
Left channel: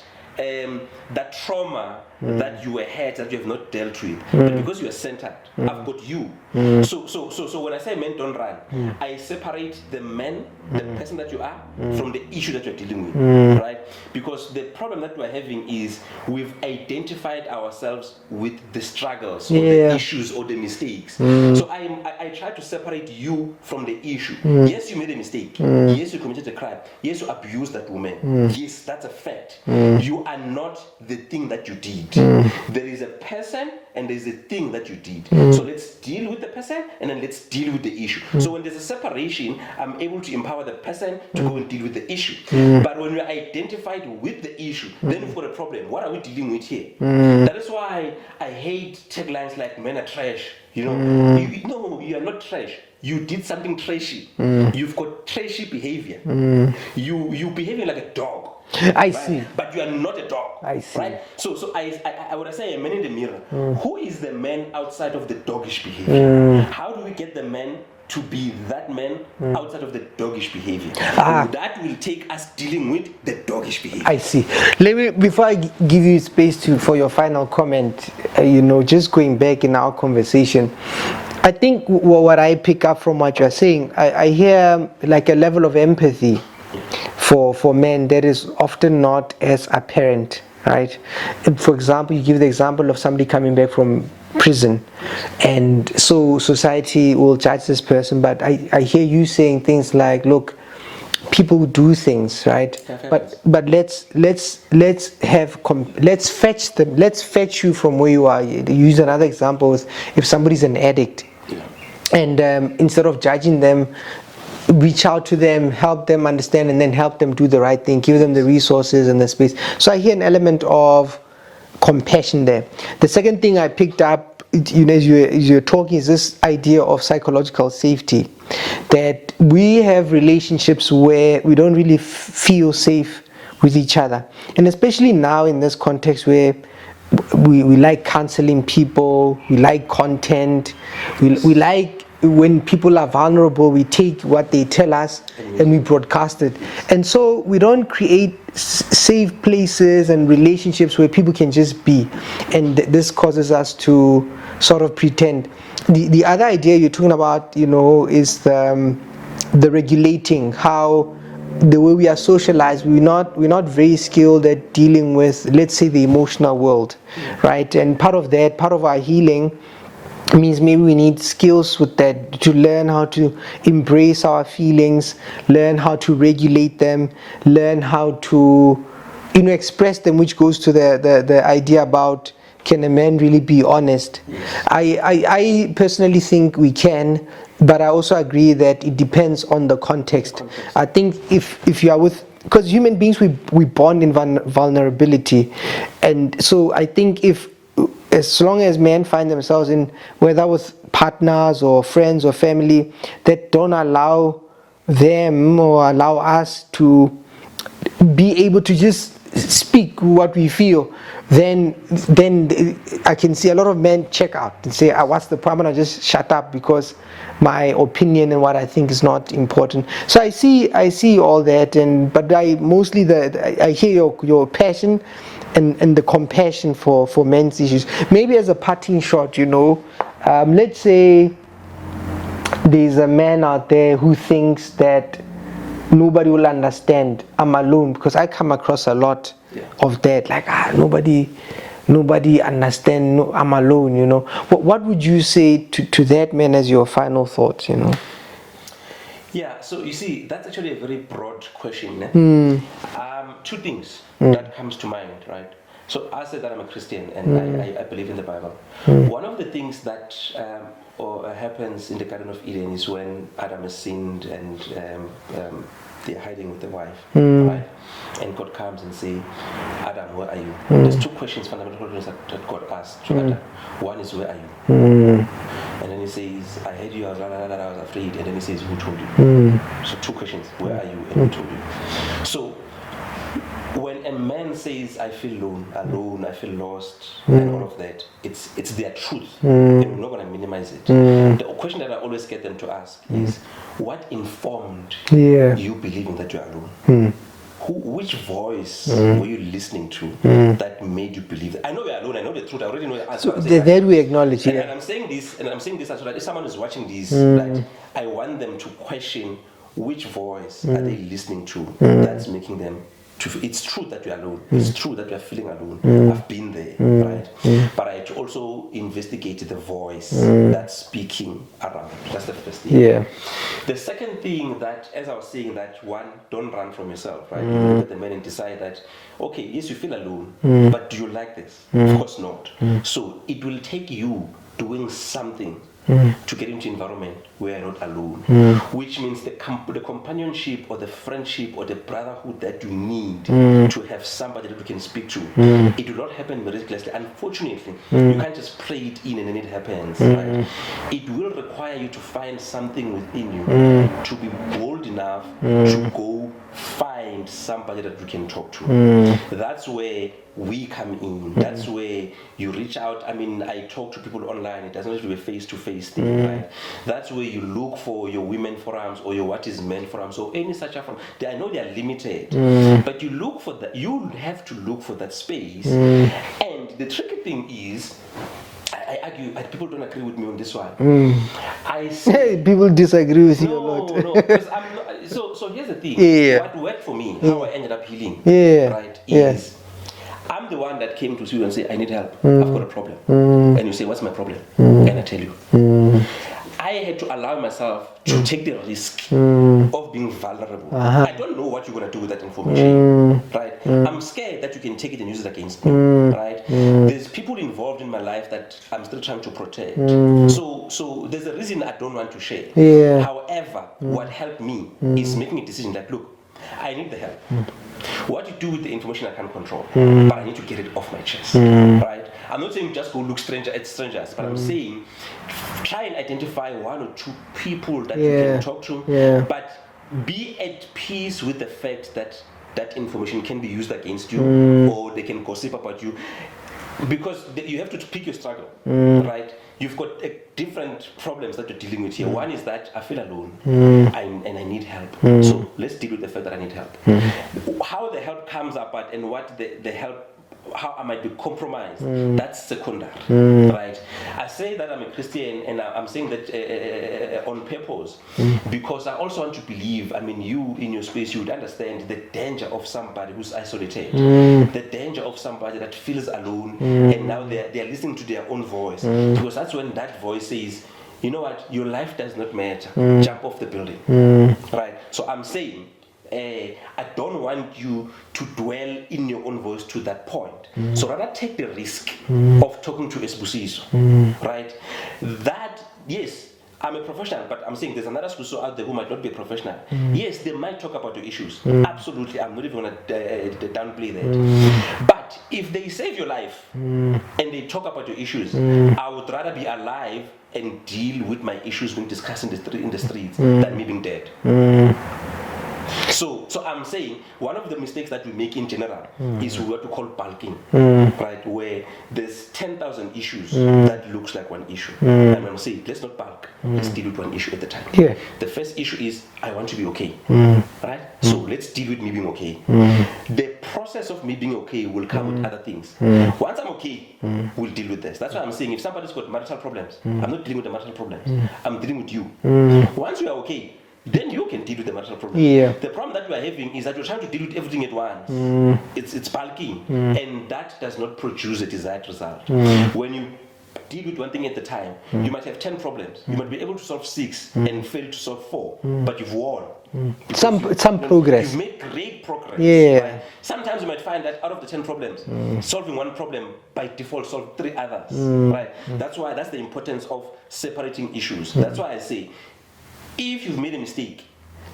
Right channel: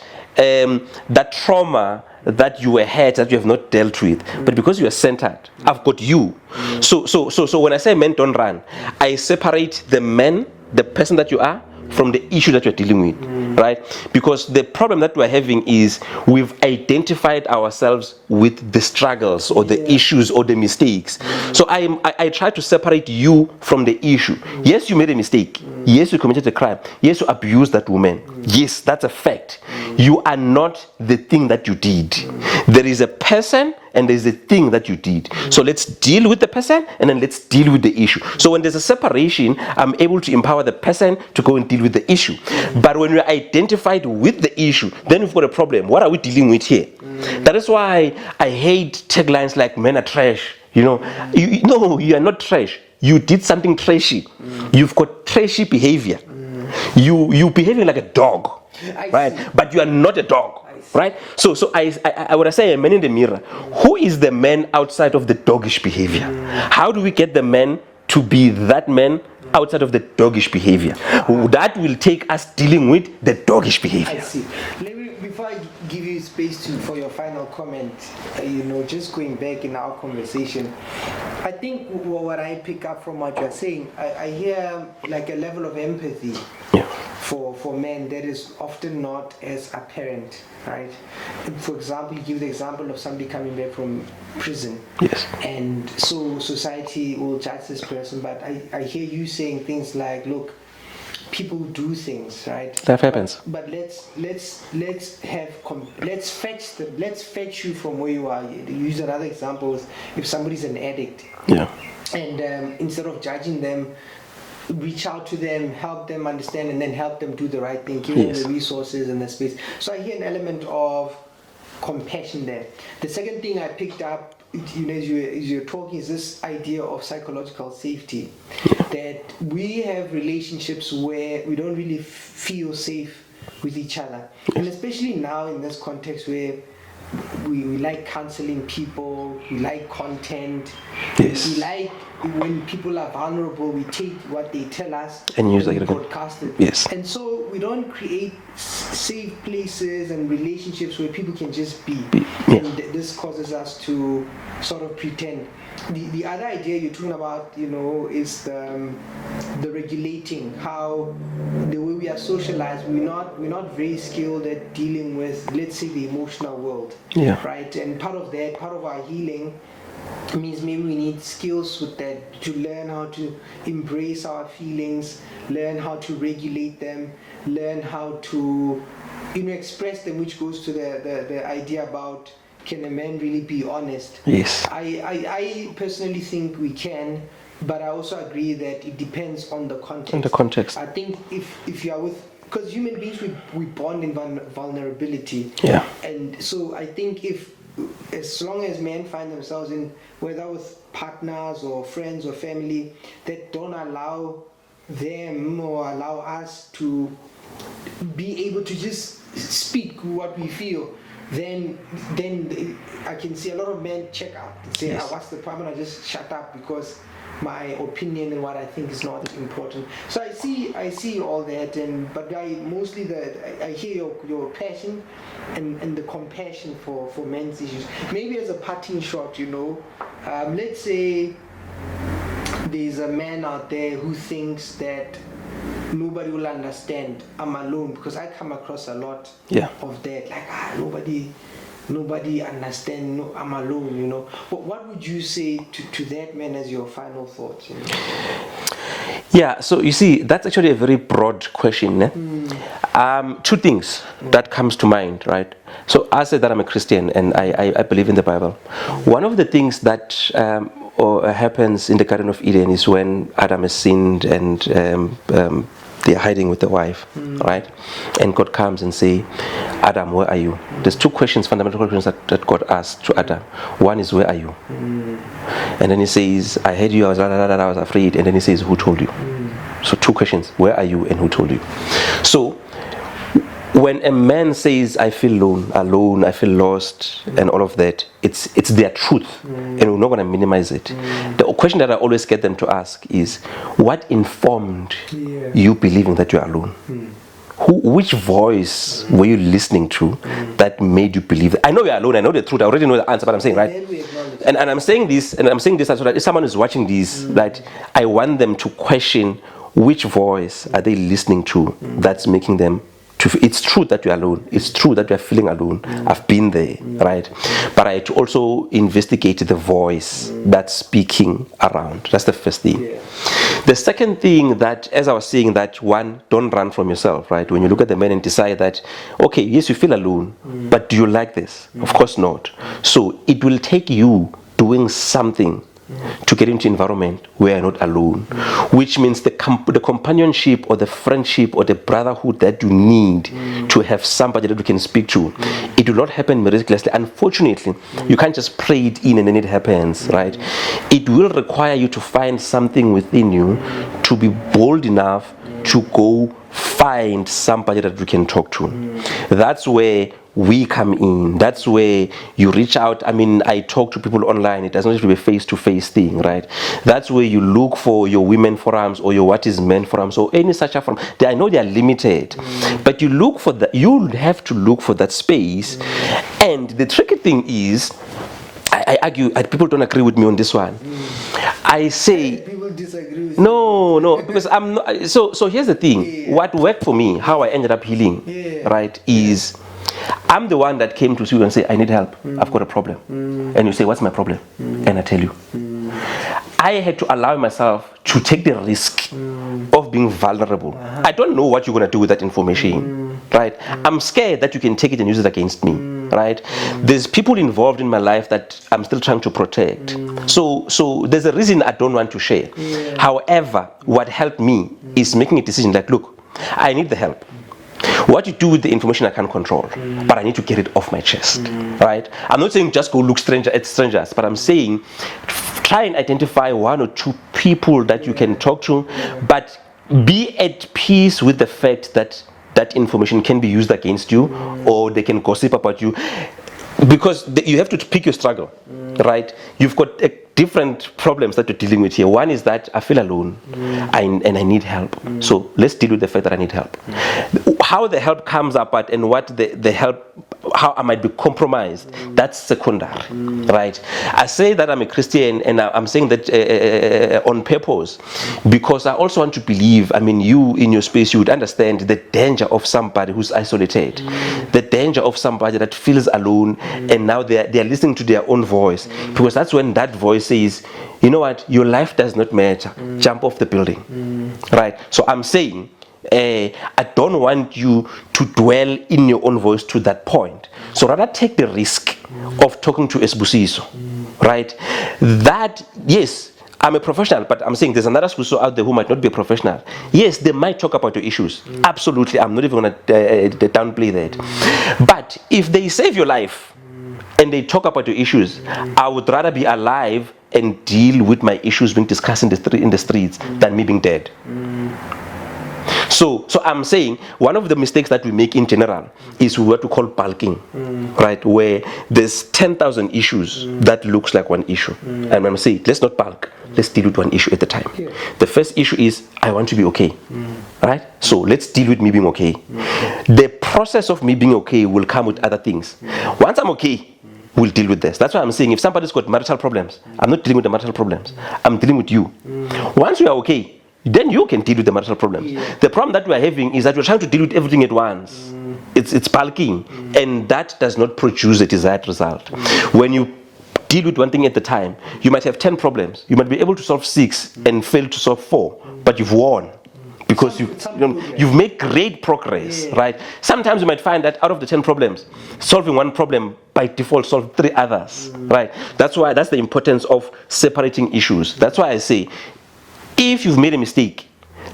trauma that you were hurt, that you have not dealt with. But because you are centered, I've got you. So when I say men don't run, I separate the men, the person that you are, from the issue that you're dealing with, right? Because the problem that we're having is we've identified ourselves with the struggles or the issues or the mistakes. So I try to separate you from the issue. Yes, you made a mistake. Yes, you committed a crime. Yes, you abused that woman. Yes, that's a fact. You are not the thing that you did. There is a person and there's a thing that you did. So let's deal with the person and then let's deal with the issue. So when there's a separation, I'm able to empower the person to go and deal with the issue. But when we're identified with the issue, then we've got a problem. What are we dealing with here? That is why I hate taglines like men are trash. You know, no, you are not trash. You did something trashy. You've got trashy behavior. You behaving like a dog. I right? see. But you are not a dog. I see. Right? So I would say a man in the mirror. Who is the man outside of the doggish behavior? How do we get the man to be that man outside of the doggish behavior? That will take us dealing with the doggish behavior. I see. Let me, before I give you space for your final comment, just going back in our conversation, I think what I pick up from what you're saying, I hear like a level of empathy for men that is often not as apparent, right? For example, you give the example of somebody coming back from prison, and so society will judge this person, but I hear you saying things like, look, people do things, right? That happens. But let's fetch them. Let's fetch you from where you are. Use another example: if somebody's an addict, and instead of judging them, reach out to them, help them understand, and then help them do the right thing. Give them the resources and the space. So I hear an element of compassion there. The second thing I picked up, as you're talking, is this idea of psychological safety. That we have relationships where we don't really feel safe with each other, and especially now in this context where we like counseling people, we like content, we like when people are vulnerable, we take what they tell us and we broadcast it. And so we don't create safe places and relationships where people can just be. And this causes us to sort of pretend. The other idea you're talking about, is the regulating, how the way we are socialized, we're not very skilled at dealing with, let's say, the emotional world, right? And part of our healing means maybe we need skills with that, to learn how to embrace our feelings, learn how to regulate them, learn how to express them, which goes to the idea about, can a man really be honest? I personally think we can, but I also agree that it depends on the context. I think if you are with, because human beings, we bond in vulnerability, and so I think as long as men find themselves in, whether with partners or friends or family, that don't allow them or allow us to be able to just speak what we feel, then I can see a lot of men check out and say, what's the problem? I just shut up because my opinion and what I think is not important. So I see all that, but I mostly I hear your passion and the compassion for men's issues. Maybe as a parting shot, let's say there's a man out there who thinks that nobody will understand, I'm alone, because I come across a lot of that, like nobody understand, I'm alone, What would you say to that man as your final thoughts, Yeah, so you see, that's actually a very broad question. Two things that comes to mind, right? So I said that I'm a Christian and I believe in the Bible. One of the things that happens in the Garden of Eden is when Adam has sinned and they're hiding with the wife, right? And God comes and say, Adam, where are you? There's two questions, fundamental questions that God asked to Adam. One is, where are you? And then he says, I heard you, I was afraid. And then he says, who told you? So two questions, where are you and who told you? So when a man says, I feel alone, I feel lost, and all of that, it's their truth, and we're not going to minimize it. The question that I always get them to ask is, what informed you believing that you're alone? Which voice were you listening to that made you believe that? I know you're alone, I know the truth, I already know the answer, but I'm saying, right? That we acknowledge. And I'm saying this, so that if someone is watching this, that I want them to question which voice are they listening to that's making them it's true that you're alone. It's true that you're feeling alone. I've been there, right? But I to also investigate the voice that's speaking around. That's the first thing. Yeah. The second thing that, as I was saying, that one, don't run from yourself, right? When you look at the man and decide that, okay, yes, you feel alone, but do you like this? Of course not. So it will take you doing something to get into environment where you're not alone, which means the companionship or the friendship or the brotherhood that you need to have somebody that you can speak to, it will not happen miraculously. Unfortunately, you can't just pray it in and then it happens, right? It will require you to find something within you to be bold enough to go find somebody that you can talk to. That's where we come in. That's where you reach out. I mean, I talk to people online. It doesn't have to be a face-to-face thing, right? That's where you look for your women forums or your what is men forums or any such a forum. I know they are limited, but you look for that. You have to look for that space. And the tricky thing is, I argue, people don't agree with me on this one. I say people disagree with you. No, because I'm not. So here's the thing. What worked for me, how I ended up healing, right, is I'm the one that came to you and say, I need help. I've got a problem. And you say, what's my problem? And I tell you. I had to allow myself to take the risk of being vulnerable. I don't know what you're going to do with that information, right? I'm scared that you can take it and use it against me, right? There's people involved in my life that I'm still trying to protect. So there's a reason I don't want to share. However, what helped me is making a decision like, look, I need the help. What you do with the information I can't control, but I need to get it off my chest, right? I'm not saying just go look at strangers, but I'm saying try and identify one or two people that you can talk to, but be at peace with the fact that that information can be used against you or they can gossip about you. Because you have to pick your struggle, right? You've got different problems that you're dealing with here. One is that I feel alone and I need help. So let's deal with the fact that I need help. How the help comes about and what the help, how I might be compromised, that's secondary, right? I say that I'm a Christian and I'm saying that on purpose because I also want to believe, I mean, you in your space, you would understand the danger of somebody who's isolated, the danger of somebody that feels alone and now they're listening to their own voice, because that's when that voice says, you know what, your life does not matter, jump off the building, right? So I'm saying, I don't want you to dwell in your own voice to that point. So rather take the risk of talking to a Sibusiso, right? That, yes, I'm a professional, but I'm saying there's another Sibusiso out there who might not be a professional. Yes, they might talk about your issues. Absolutely, I'm not even going to downplay that. But if they save your life and they talk about your issues, I would rather be alive and deal with my issues being discussed in the streets than me being dead. So I'm saying one of the mistakes that we make in general is what we call bulking, right? Where there's 10,000 issues that looks like one issue. And I'm saying, let's not bulk, let's deal with one issue at a time. The first issue is, I want to be okay, right? So let's deal with me being okay. The process of me being okay will come with other things. Once I'm okay, we'll deal with this. That's why I'm saying if somebody's got marital problems, I'm not dealing with the marital problems, I'm dealing with you. Once we are okay, then you can deal with the marital problem. The problem that we are having is that we're trying to deal with everything at once. It's bulking, and that does not produce a desired result. When you deal with one thing at a time, you might have 10 problems. You might be able to solve 6 and fail to solve 4, but you've won. Because you've made great progress, right? Sometimes you might find that out of the 10 problems, solving one problem by default solve 3 others, right? That's the importance of separating issues. That's why I say, if you've made a mistake,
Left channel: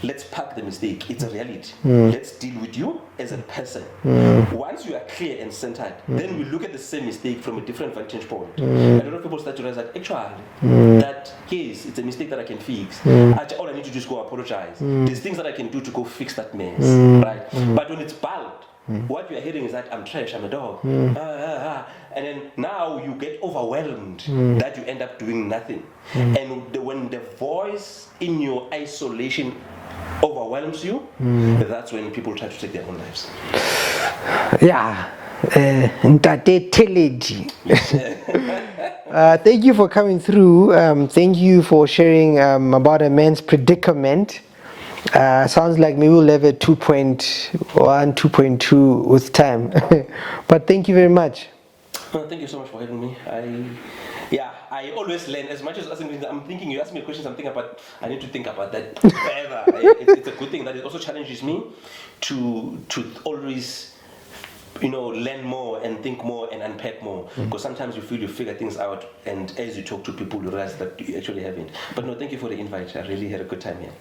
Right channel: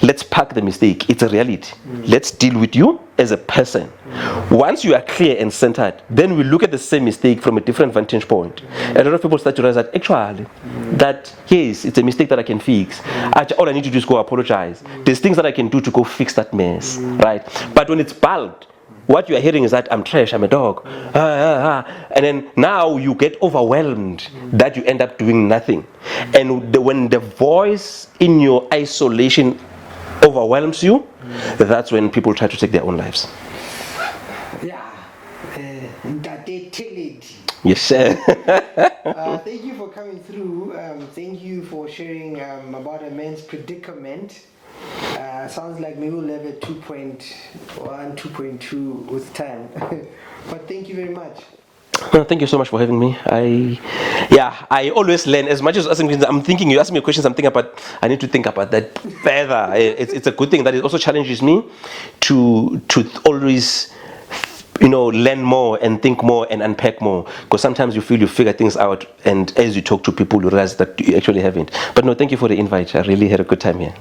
let's park the mistake. It's a reality. Let's deal with you as a person. Once you are clear and centered, then we look at the same mistake from a different vantage point. A lot of people start to realize that actually, that yes, it's a mistake that I can fix. All I need to do is go apologize. There's things that I can do to go fix that mess, right? But when it's bald, what you are hearing is that I'm trash, I'm a dog, and then now you get overwhelmed that you end up doing nothing. And when the voice in your isolation overwhelms you, that's when people try to take their own lives. Yeah. Ntate Theledi. Yes, sir. Thank you for coming through. Thank you for sharing about a man's predicament. Sounds like maybe we'll have a 2.1, 2.2 with time. But thank you very much. No, thank you so much for having me. I always learn as much as I'm thinking. You ask me questions, I'm thinking about. I need to think about that further. It's a good thing that it also challenges me to always, learn more and think more and unpack more. Because sometimes you feel you figure things out, and as you talk to people, you realize that you actually haven't. But no, thank you for the invite. I really had a good time here.